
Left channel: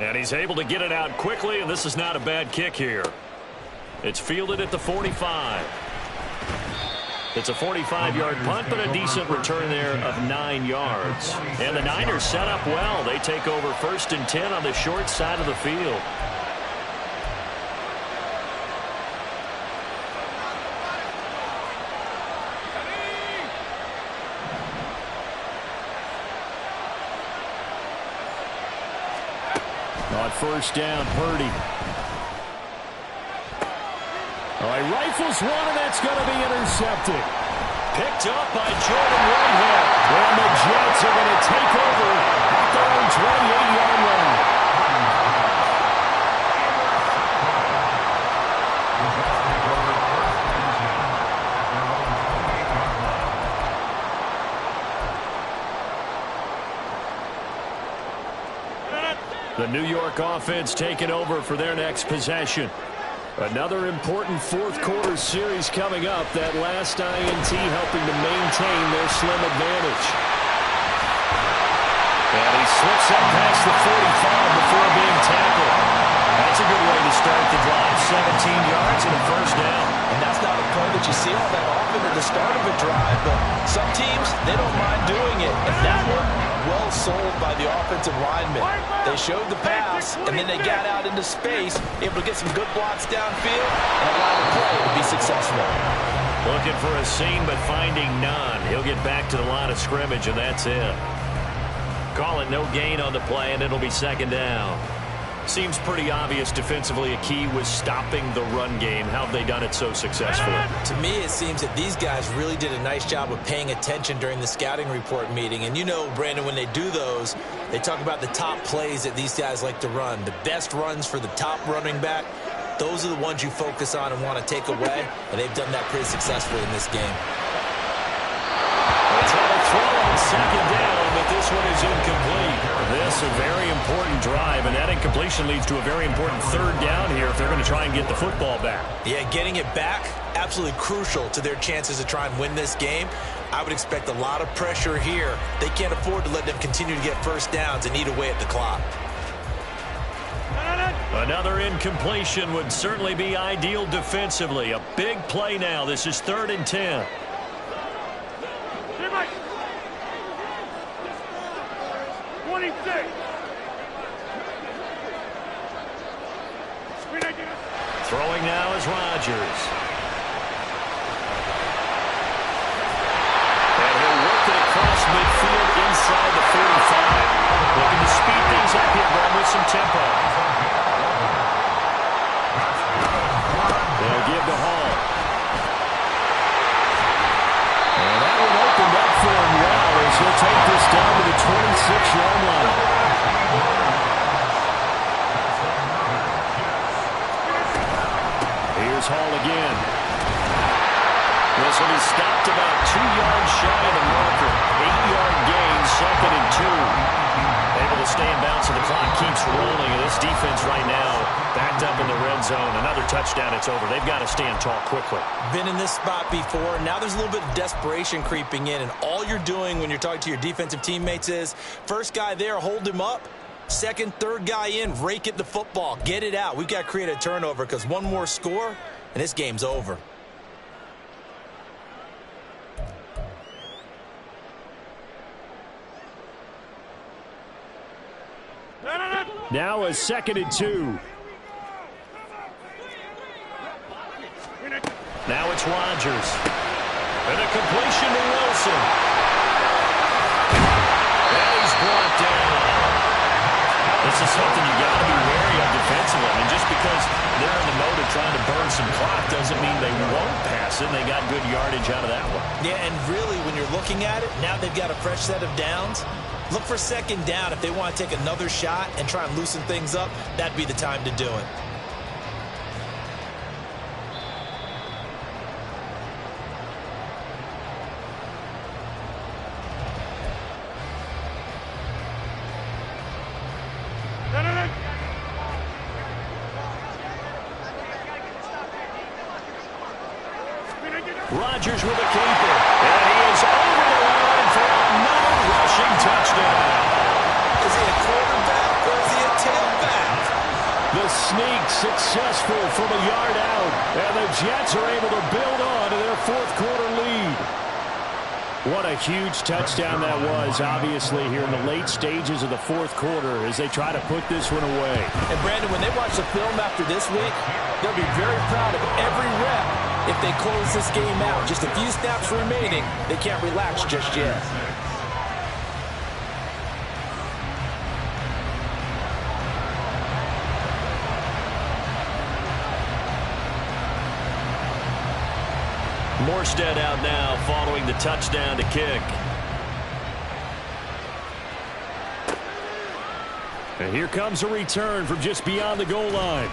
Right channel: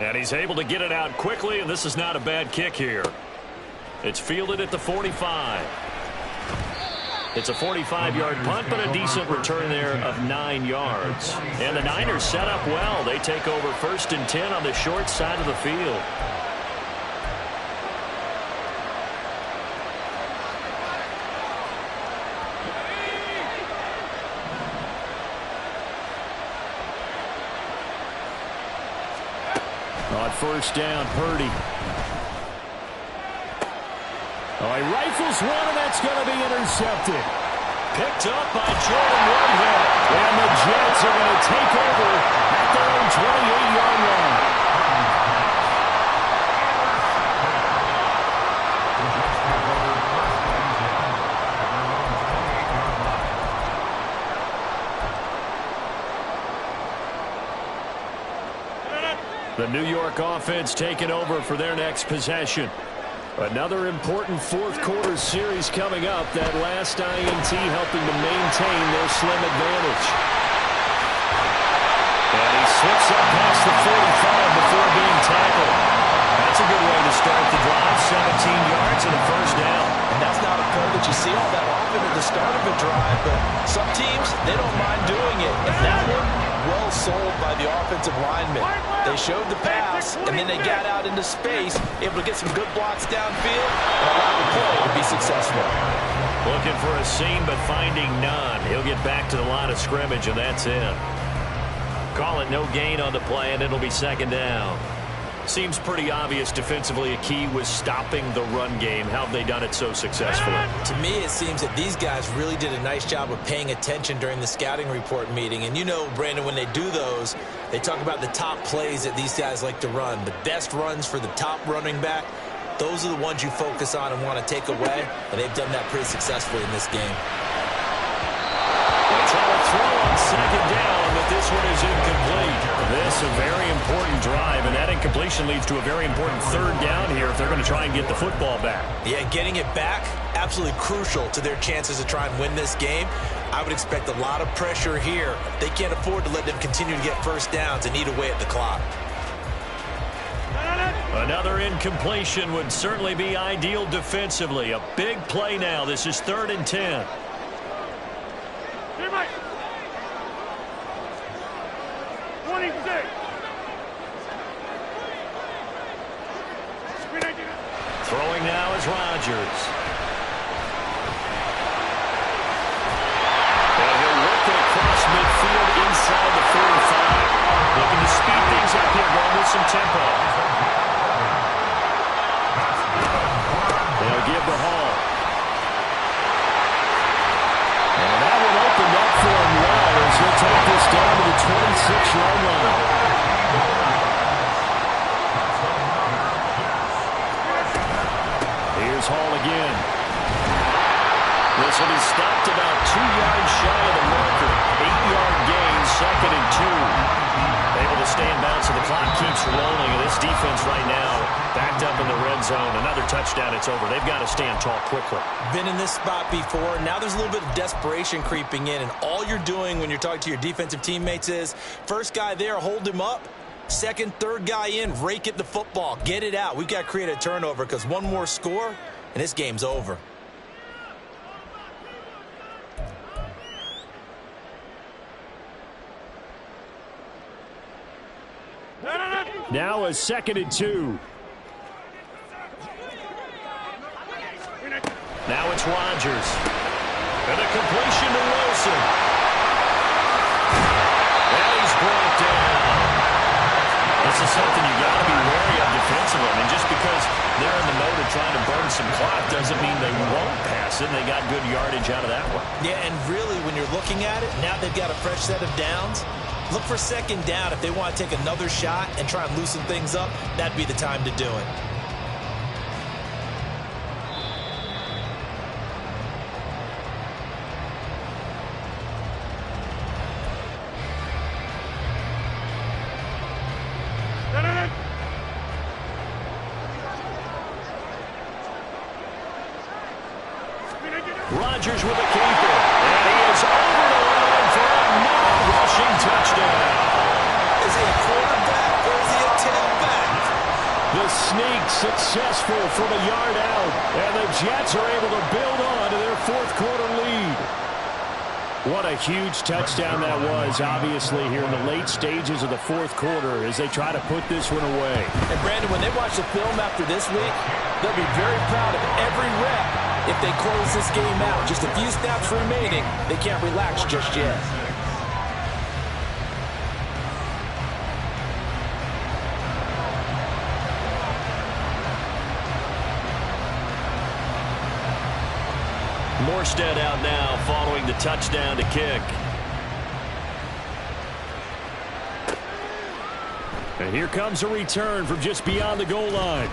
And he's able to get it out quickly, and this is not a bad kick here. It's fielded at the 45. It's a 45-yard punt, but a decent return there of 9 yards. And the Niners set up well. They take over 1st and 10 on the short side of the field. On 1st down, Purdy. Oh, he rifles one, and that's going to be intercepted. Picked up by Jordan Whitehead. And the Jets are going to take over at their own 28-yard line. The New York offense taking over for their next possession. Another important fourth-quarter series coming up. That last INT helping to maintain their slim advantage. And he slips up past the 45 before being tackled. That's a good way to start the drive. 17 yards and a 1st down. And that's not a play that you see all that often at the start of a drive, but some teams, they don't mind doing it. And that one, well sold by the offensive lineman. They showed the pass, and then they got out into space, able to get some good blocks downfield and allow the play to be successful. Looking for a seam, but finding none. He'll get back to the line of scrimmage, and that's it. Call it no gain on the play, and it'll be 2nd down. Seems pretty obvious defensively a key was stopping the run game. How have they done it so successfully? To me, it seems that these guys really did a nice job of paying attention during the scouting report meeting. And you know, Brandon, when they do those, they talk about the top plays that these guys like to run. The best runs for the top running back, those are the ones you focus on and want to take away. And they've done that pretty successfully in this game. They try to throw on 2nd down, but this one is incomplete. This a very important drive, and that incompletion leads to a very important 3rd down here if they're going to try and get the football back. Yeah, getting it back, absolutely crucial to their chances to try and win this game. I would expect a lot of pressure here. They can't afford to let them continue to get 1st downs and eat away at the clock. Another incompletion would certainly be ideal defensively. A big play now. This is 3rd and 10. 26. Throwing now is Rodgers. And he'll work it across midfield inside the 45. Looking to speed things up here, going with some tempo. They'll give to Hall. And that one opened up for him well as he'll take this down to the 26-yard line. Here's Hall again. This one is stopped about 2 yards shy of the marker. 8-yard gain, 2nd and 2. Able to stay in bounds, so the clock keeps rolling. And this defense right now backed up in the red zone. Another touchdown, it's over. They've got to stand tall quickly. Been in this spot before. Now there's a little bit of desperation creeping in. And all you're doing when you're talking to your defensive teammates is, first guy there, hold him up. Second, third guy in, rake at the football. Get it out. We've got to create a turnover because one more score, and this game's over. Now a 2nd and 2. Now it's Rodgers. And a completion to Wilson. And he's brought down. This is something you got to be wary of defensively. offensively. I mean, just because they're in the mode of trying to burn some clock doesn't mean they won't pass it. They got good yardage out of that one. Yeah, and really, when you're looking at it, now they've got a fresh set of downs. Look for second down. If they want to take another shot and try and loosen things up, that'd be the time to do it. Rodgers with a keeper, and he is over the line for another rushing touchdown. Is he a quarterback or is he a tailback? The sneak successful from a yard out, and the Jets are able to build on to their fourth quarter lead. What a huge touchdown that was, obviously, here in the late stages of the fourth quarter as they try to put this one away. And, Brandon, when they watch the film after this week, they'll be very proud of every rep if they close this game out. Just a few snaps remaining. They can't relax just yet. Morstead out now following the touchdown to kick. And here comes a return from just beyond the goal line.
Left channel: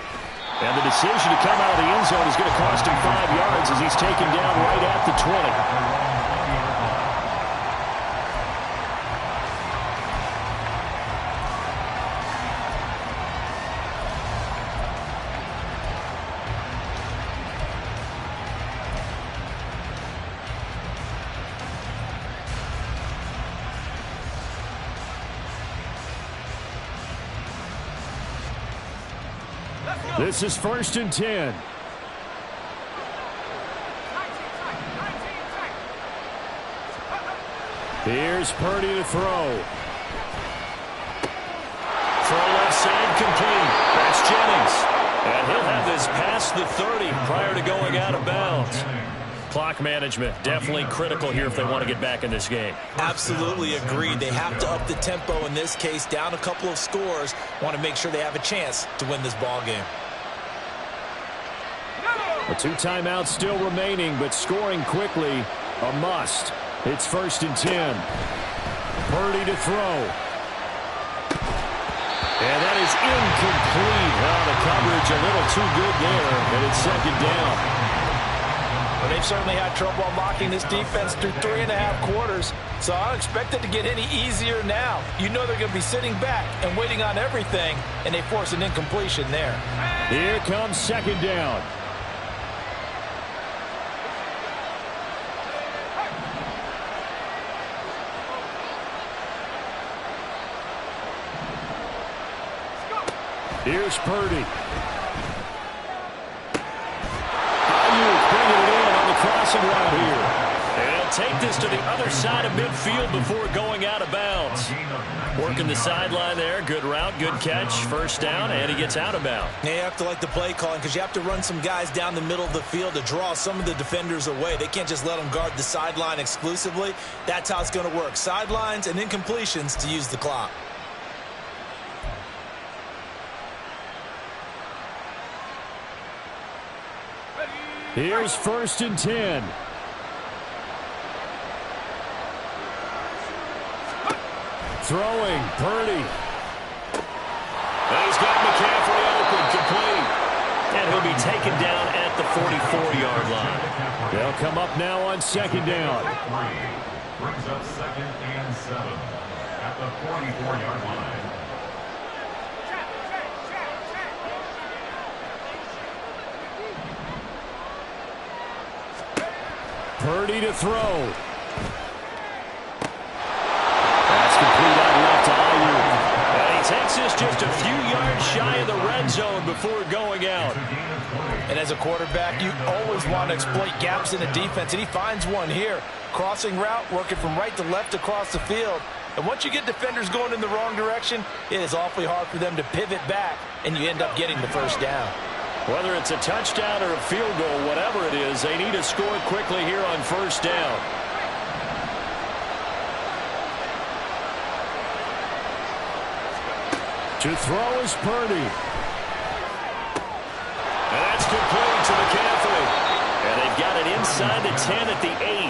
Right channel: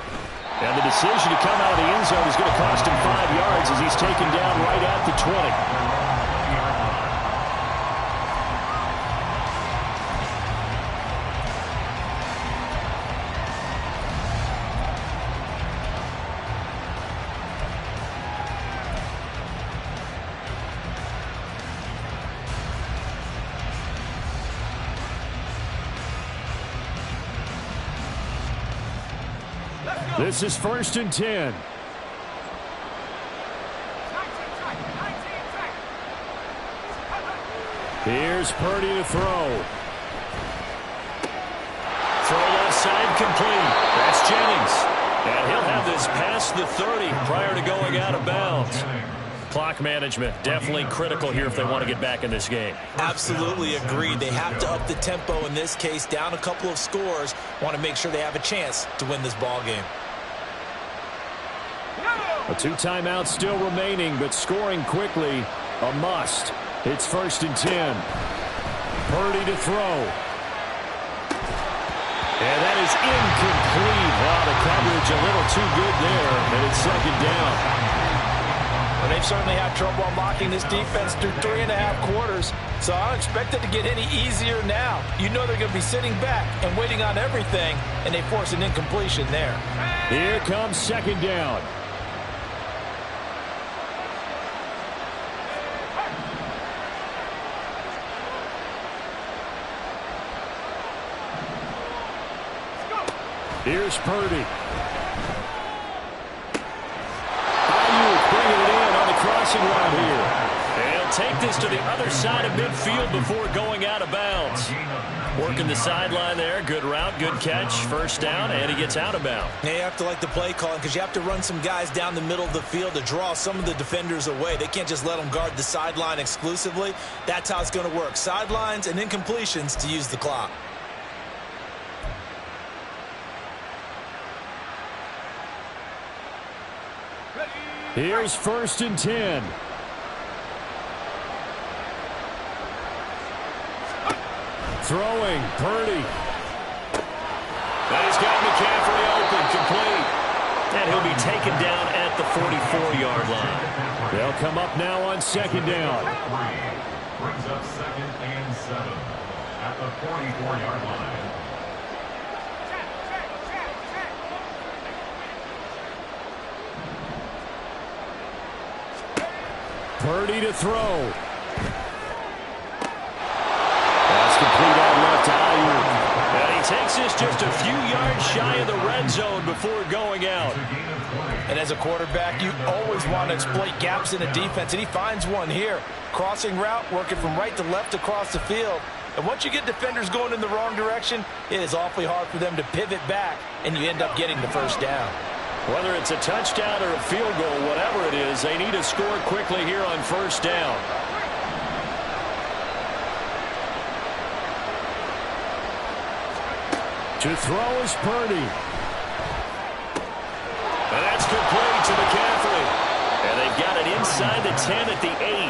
And the decision to come out of the end zone is going to cost him 5 yards as he's taken down right at the 20. This is 1st and 10. Here's Purdy to throw. Throw left side complete. That's Jennings. And he'll have this past the 30 prior to going out of bounds. Clock management, definitely critical here if they want to get back in this game. Absolutely agreed. They have to up the tempo in this case, down a couple of scores. Want to make sure they have a chance to win this ball game. A 2 timeouts still remaining, but scoring quickly, a must. It's 1st and 10. Purdy to throw. And that is incomplete. Oh, the coverage a little too good there, and it's 2nd down. Well, they've certainly had trouble unlocking this defense through 3.5 quarters, so I don't expect it to get any easier now. You know they're going to be sitting back and waiting on everything, and they force an incompletion there. Here comes 2nd down. Here's Purdy. Ayuk bringing it in on the crossing route here. And he'll take this to the other side of midfield before going out of bounds. Working the sideline there. Good route, good catch. 1st down, and he gets out of bounds. Yeah, you have to like the play calling because you have to run some guys down the middle of the field to draw some of the defenders away. They can't just let them guard the sideline exclusively. That's how it's going to work. Sidelines and incompletions to use the clock. Here's 1st and 10. Throwing, Purdy. And he's got McCaffrey open, complete. And he'll be taken down at the 44-yard line. They'll come up now on 2nd down. Brings up 2nd and 7 at the 44-yard line. Purdy to throw. That's complete out left to Ayuk. And he takes this just a few yards shy of the red zone before going out. And as a quarterback, you always want to exploit gaps in the defense, and he finds one here. Crossing route, working from right to left across the field. And once you get defenders going in the wrong direction, it is awfully hard for them to pivot back, and you end up getting the 1st down. Whether it's a touchdown or a field goal, whatever it is, they need to score quickly here on 1st down. To throw is Purdy. It's complete to McCaffrey. And they've got it inside the 10 at the 8.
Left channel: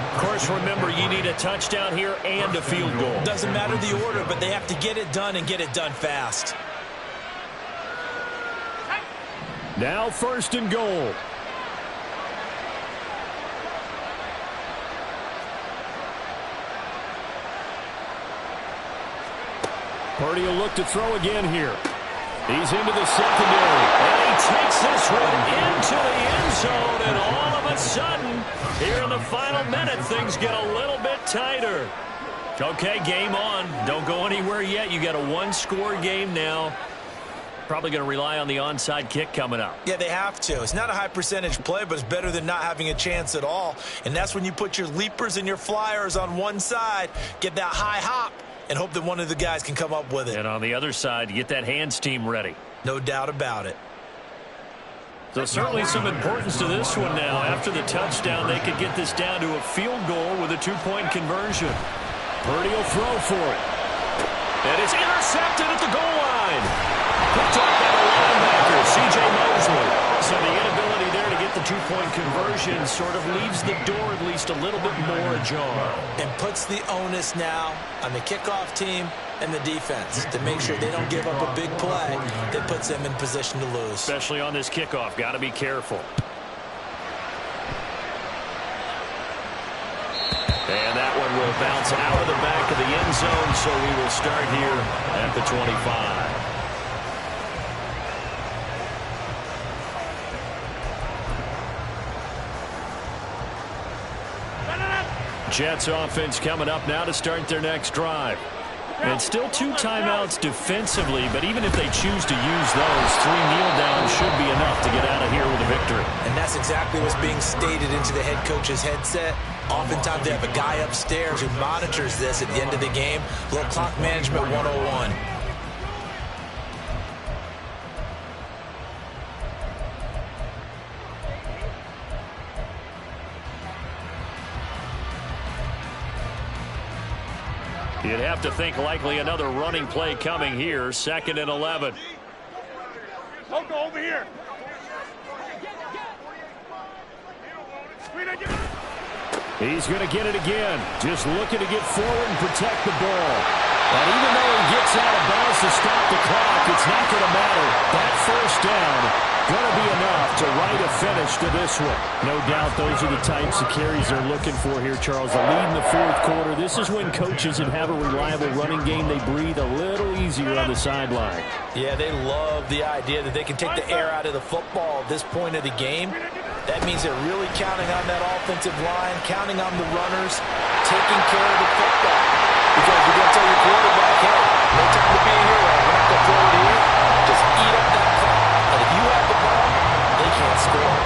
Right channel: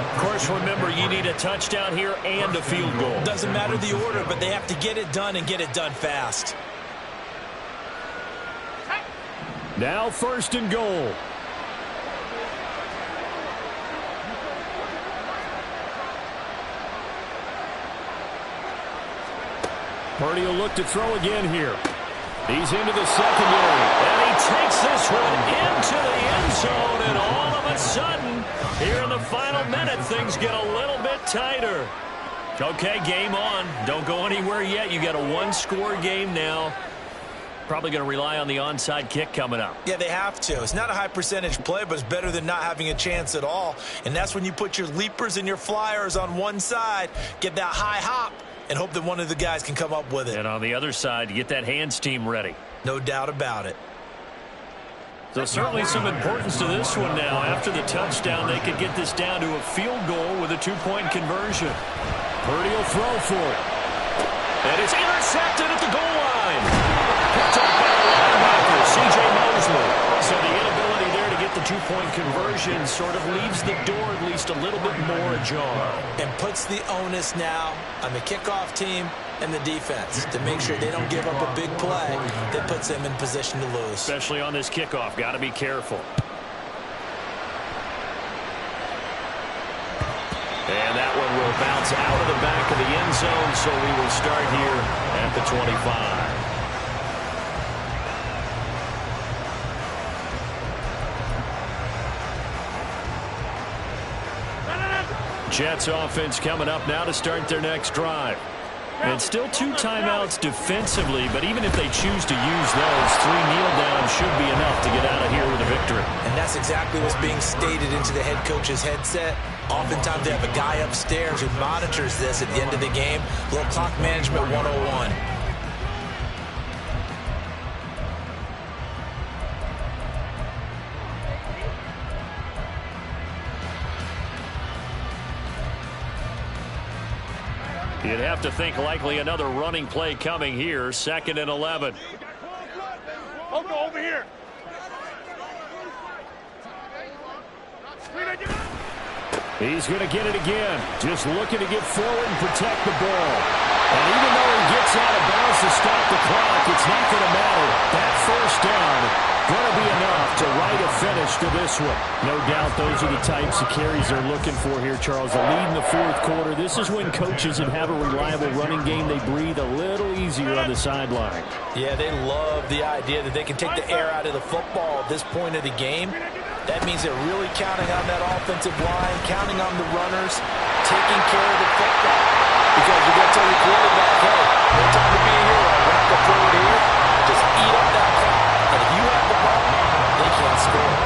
Of course, remember, you need a touchdown here and a field goal. Doesn't matter the order, but they have to get it done and get it done fast. Now 1st and goal. Purdy will look to throw again here. He's into the secondary, and he takes this one into the end zone, and all of a sudden, here in the final minute, things get a little bit tighter. Okay, game on. Don't go anywhere yet. You got a one-score game now. Probably going to rely on the onside kick coming up. Yeah, they have to. It's not a high percentage play, but it's better than not having a chance at all. And that's when you put your leapers and your flyers on one side, get that high hop, and hope that one of the guys can come up with it. And on the other side, you get that hands team ready. No doubt about it. So certainly some importance to this one now. After the touchdown, they could get this down to a field goal with a 2-point conversion. Purdy will throw for it. And it's intercepted at the goal line. Picked off by the linebacker, C.J. Mosley. So the inability there to get the 2-point conversion sort of leaves the door at least a little bit more ajar. And puts the onus now on the kickoff team and the defense to make sure they don't give up a big play that puts them in position to lose. Especially on this kickoff. Got to be careful. And that one will bounce out of the back of the end zone, so we will start here at the 25. Jets offense coming up now to start their next drive. And still 2 timeouts defensively, but even if they choose to use those, 3 kneel downs should be enough to get out of here with a victory. And that's exactly what's being stated into the head coach's headset. Oftentimes they have a guy upstairs who monitors this at the end of the game. A little clock management 101. You'd have to think likely another running play coming here. 2nd and 11. Loco, over here. He's going to get it again. Just looking to get forward and protect the ball. And even though he gets out of bounds to stop the clock, it's not going to matter. That 1st down going to be enough to write a finish to this one. No doubt those are the types of carries they're looking for here, Charles. The lead in the 4th quarter. This is when coaches that have a reliable running game, they breathe a little easier on the sideline. Yeah, they love the idea that they can take the air out of the football at this point of the game. That means they're really counting on that offensive line, counting on the runners, taking care of the football. Because you're going to tell your quarterback, hey, no time to be a hero. We're not going to throw it here. Just eat up that clock. And if you have the ball, they can't score.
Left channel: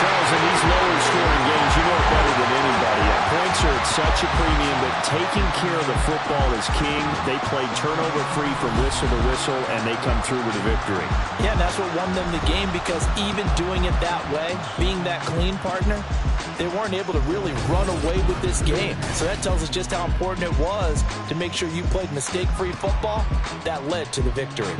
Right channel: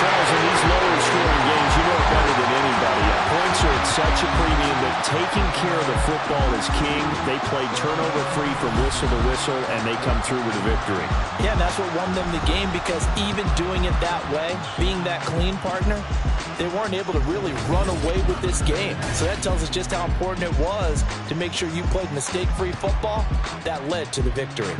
Charles, in these lower scoring games, you know it better than anybody. Points are at such a premium, but taking care of the football is king. They play turnover-free from whistle to whistle, and they come through with a victory. Yeah, and that's what won them the game, because even doing it that way, being that clean partner, they weren't able to really run away with this game. So that tells us just how important it was to make sure you played mistake-free football. That led to the victory.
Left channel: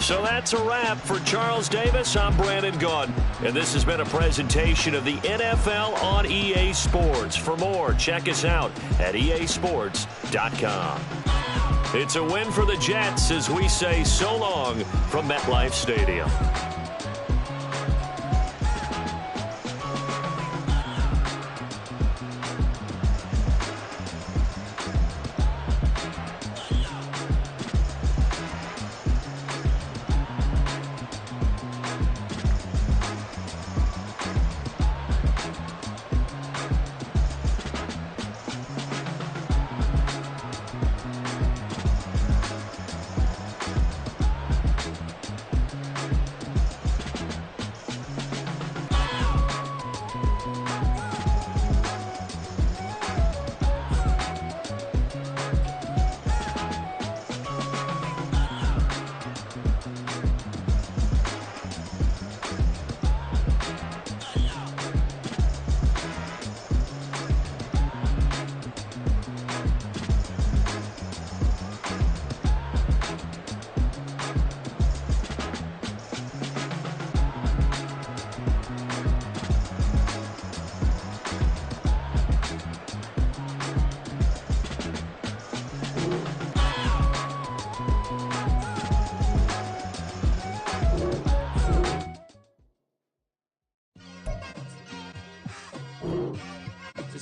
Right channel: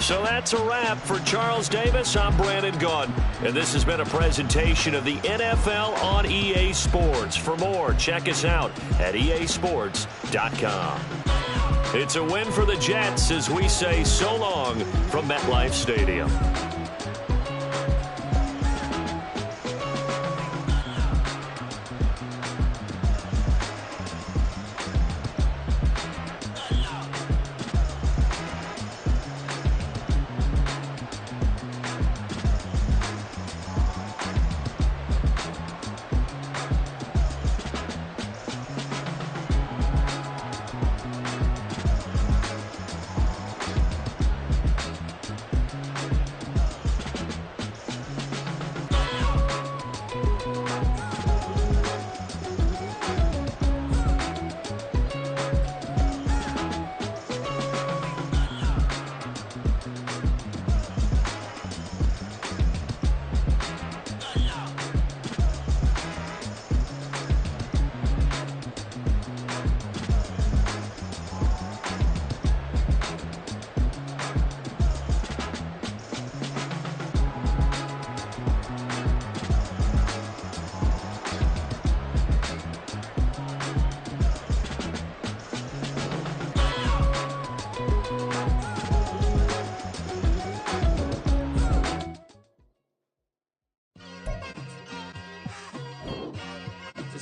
So that's a wrap for Charles Davis. I'm Brandon Gaudin, and this has been a presentation of the NFL on EA Sports. For more, check us out at easports.com. It's a win for the Jets as we say so long from MetLife Stadium.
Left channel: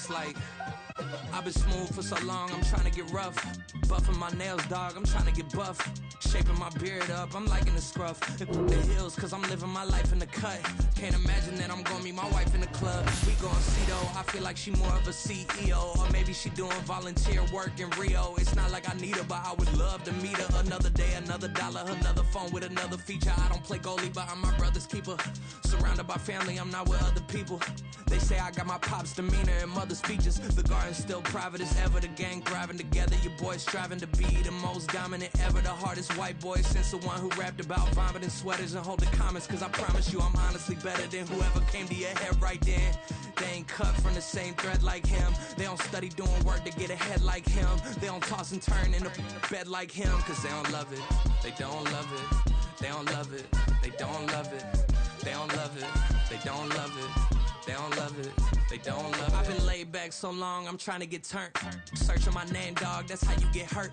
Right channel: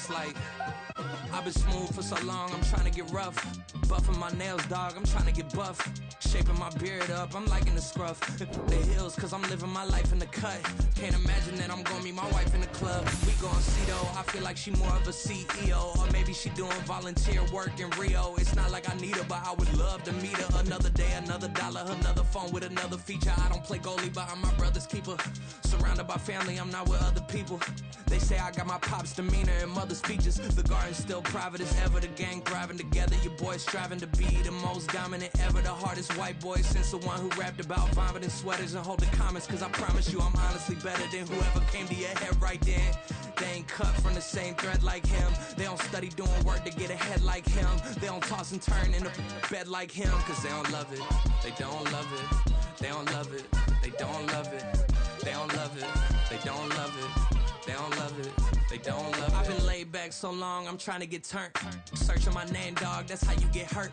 it's like I've been smooth for so long, I'm trying to get rough. Buffing my nails, dog, I'm trying to get buff. Shaping my beard up, I'm liking the scruff. The hills, cause I'm living my life in the cut. Can't imagine that I'm gonna meet my wife in the club. We gon' see though, I feel like she more of a CEO. Or maybe she doing volunteer work in Rio. It's not like I need her, but I would love to meet her. Another day, another dollar, another phone with another feature. I don't play goalie, but I'm my brother's keeper. Surrounded by family, I'm not with other people. They say I got my pop's demeanor and mother's features. The garden's still private as ever. The gang thriving together. Your boys striving to be the most dominant ever. The hardest white boy since the one who rapped about vomiting sweaters and holding comments. Cause I promise you I'm honestly better than whoever came to your head right then. They ain't cut from the same thread like him. They don't study doing work to get ahead like him. They don't toss and turn in a bed like him. Cause they don't love it. They don't love it. They don't love it. They don't love it. They don't love it. They don't love it. They don't love it, they don't love it. I've been laid back so long, I'm trying to get turned. Searching my name, dog, that's how you get hurt.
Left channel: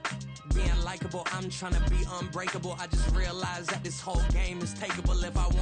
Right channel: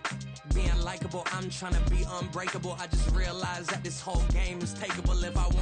Being likable, I'm trying to be unbreakable. I just realized that this whole game is takeable if I want it.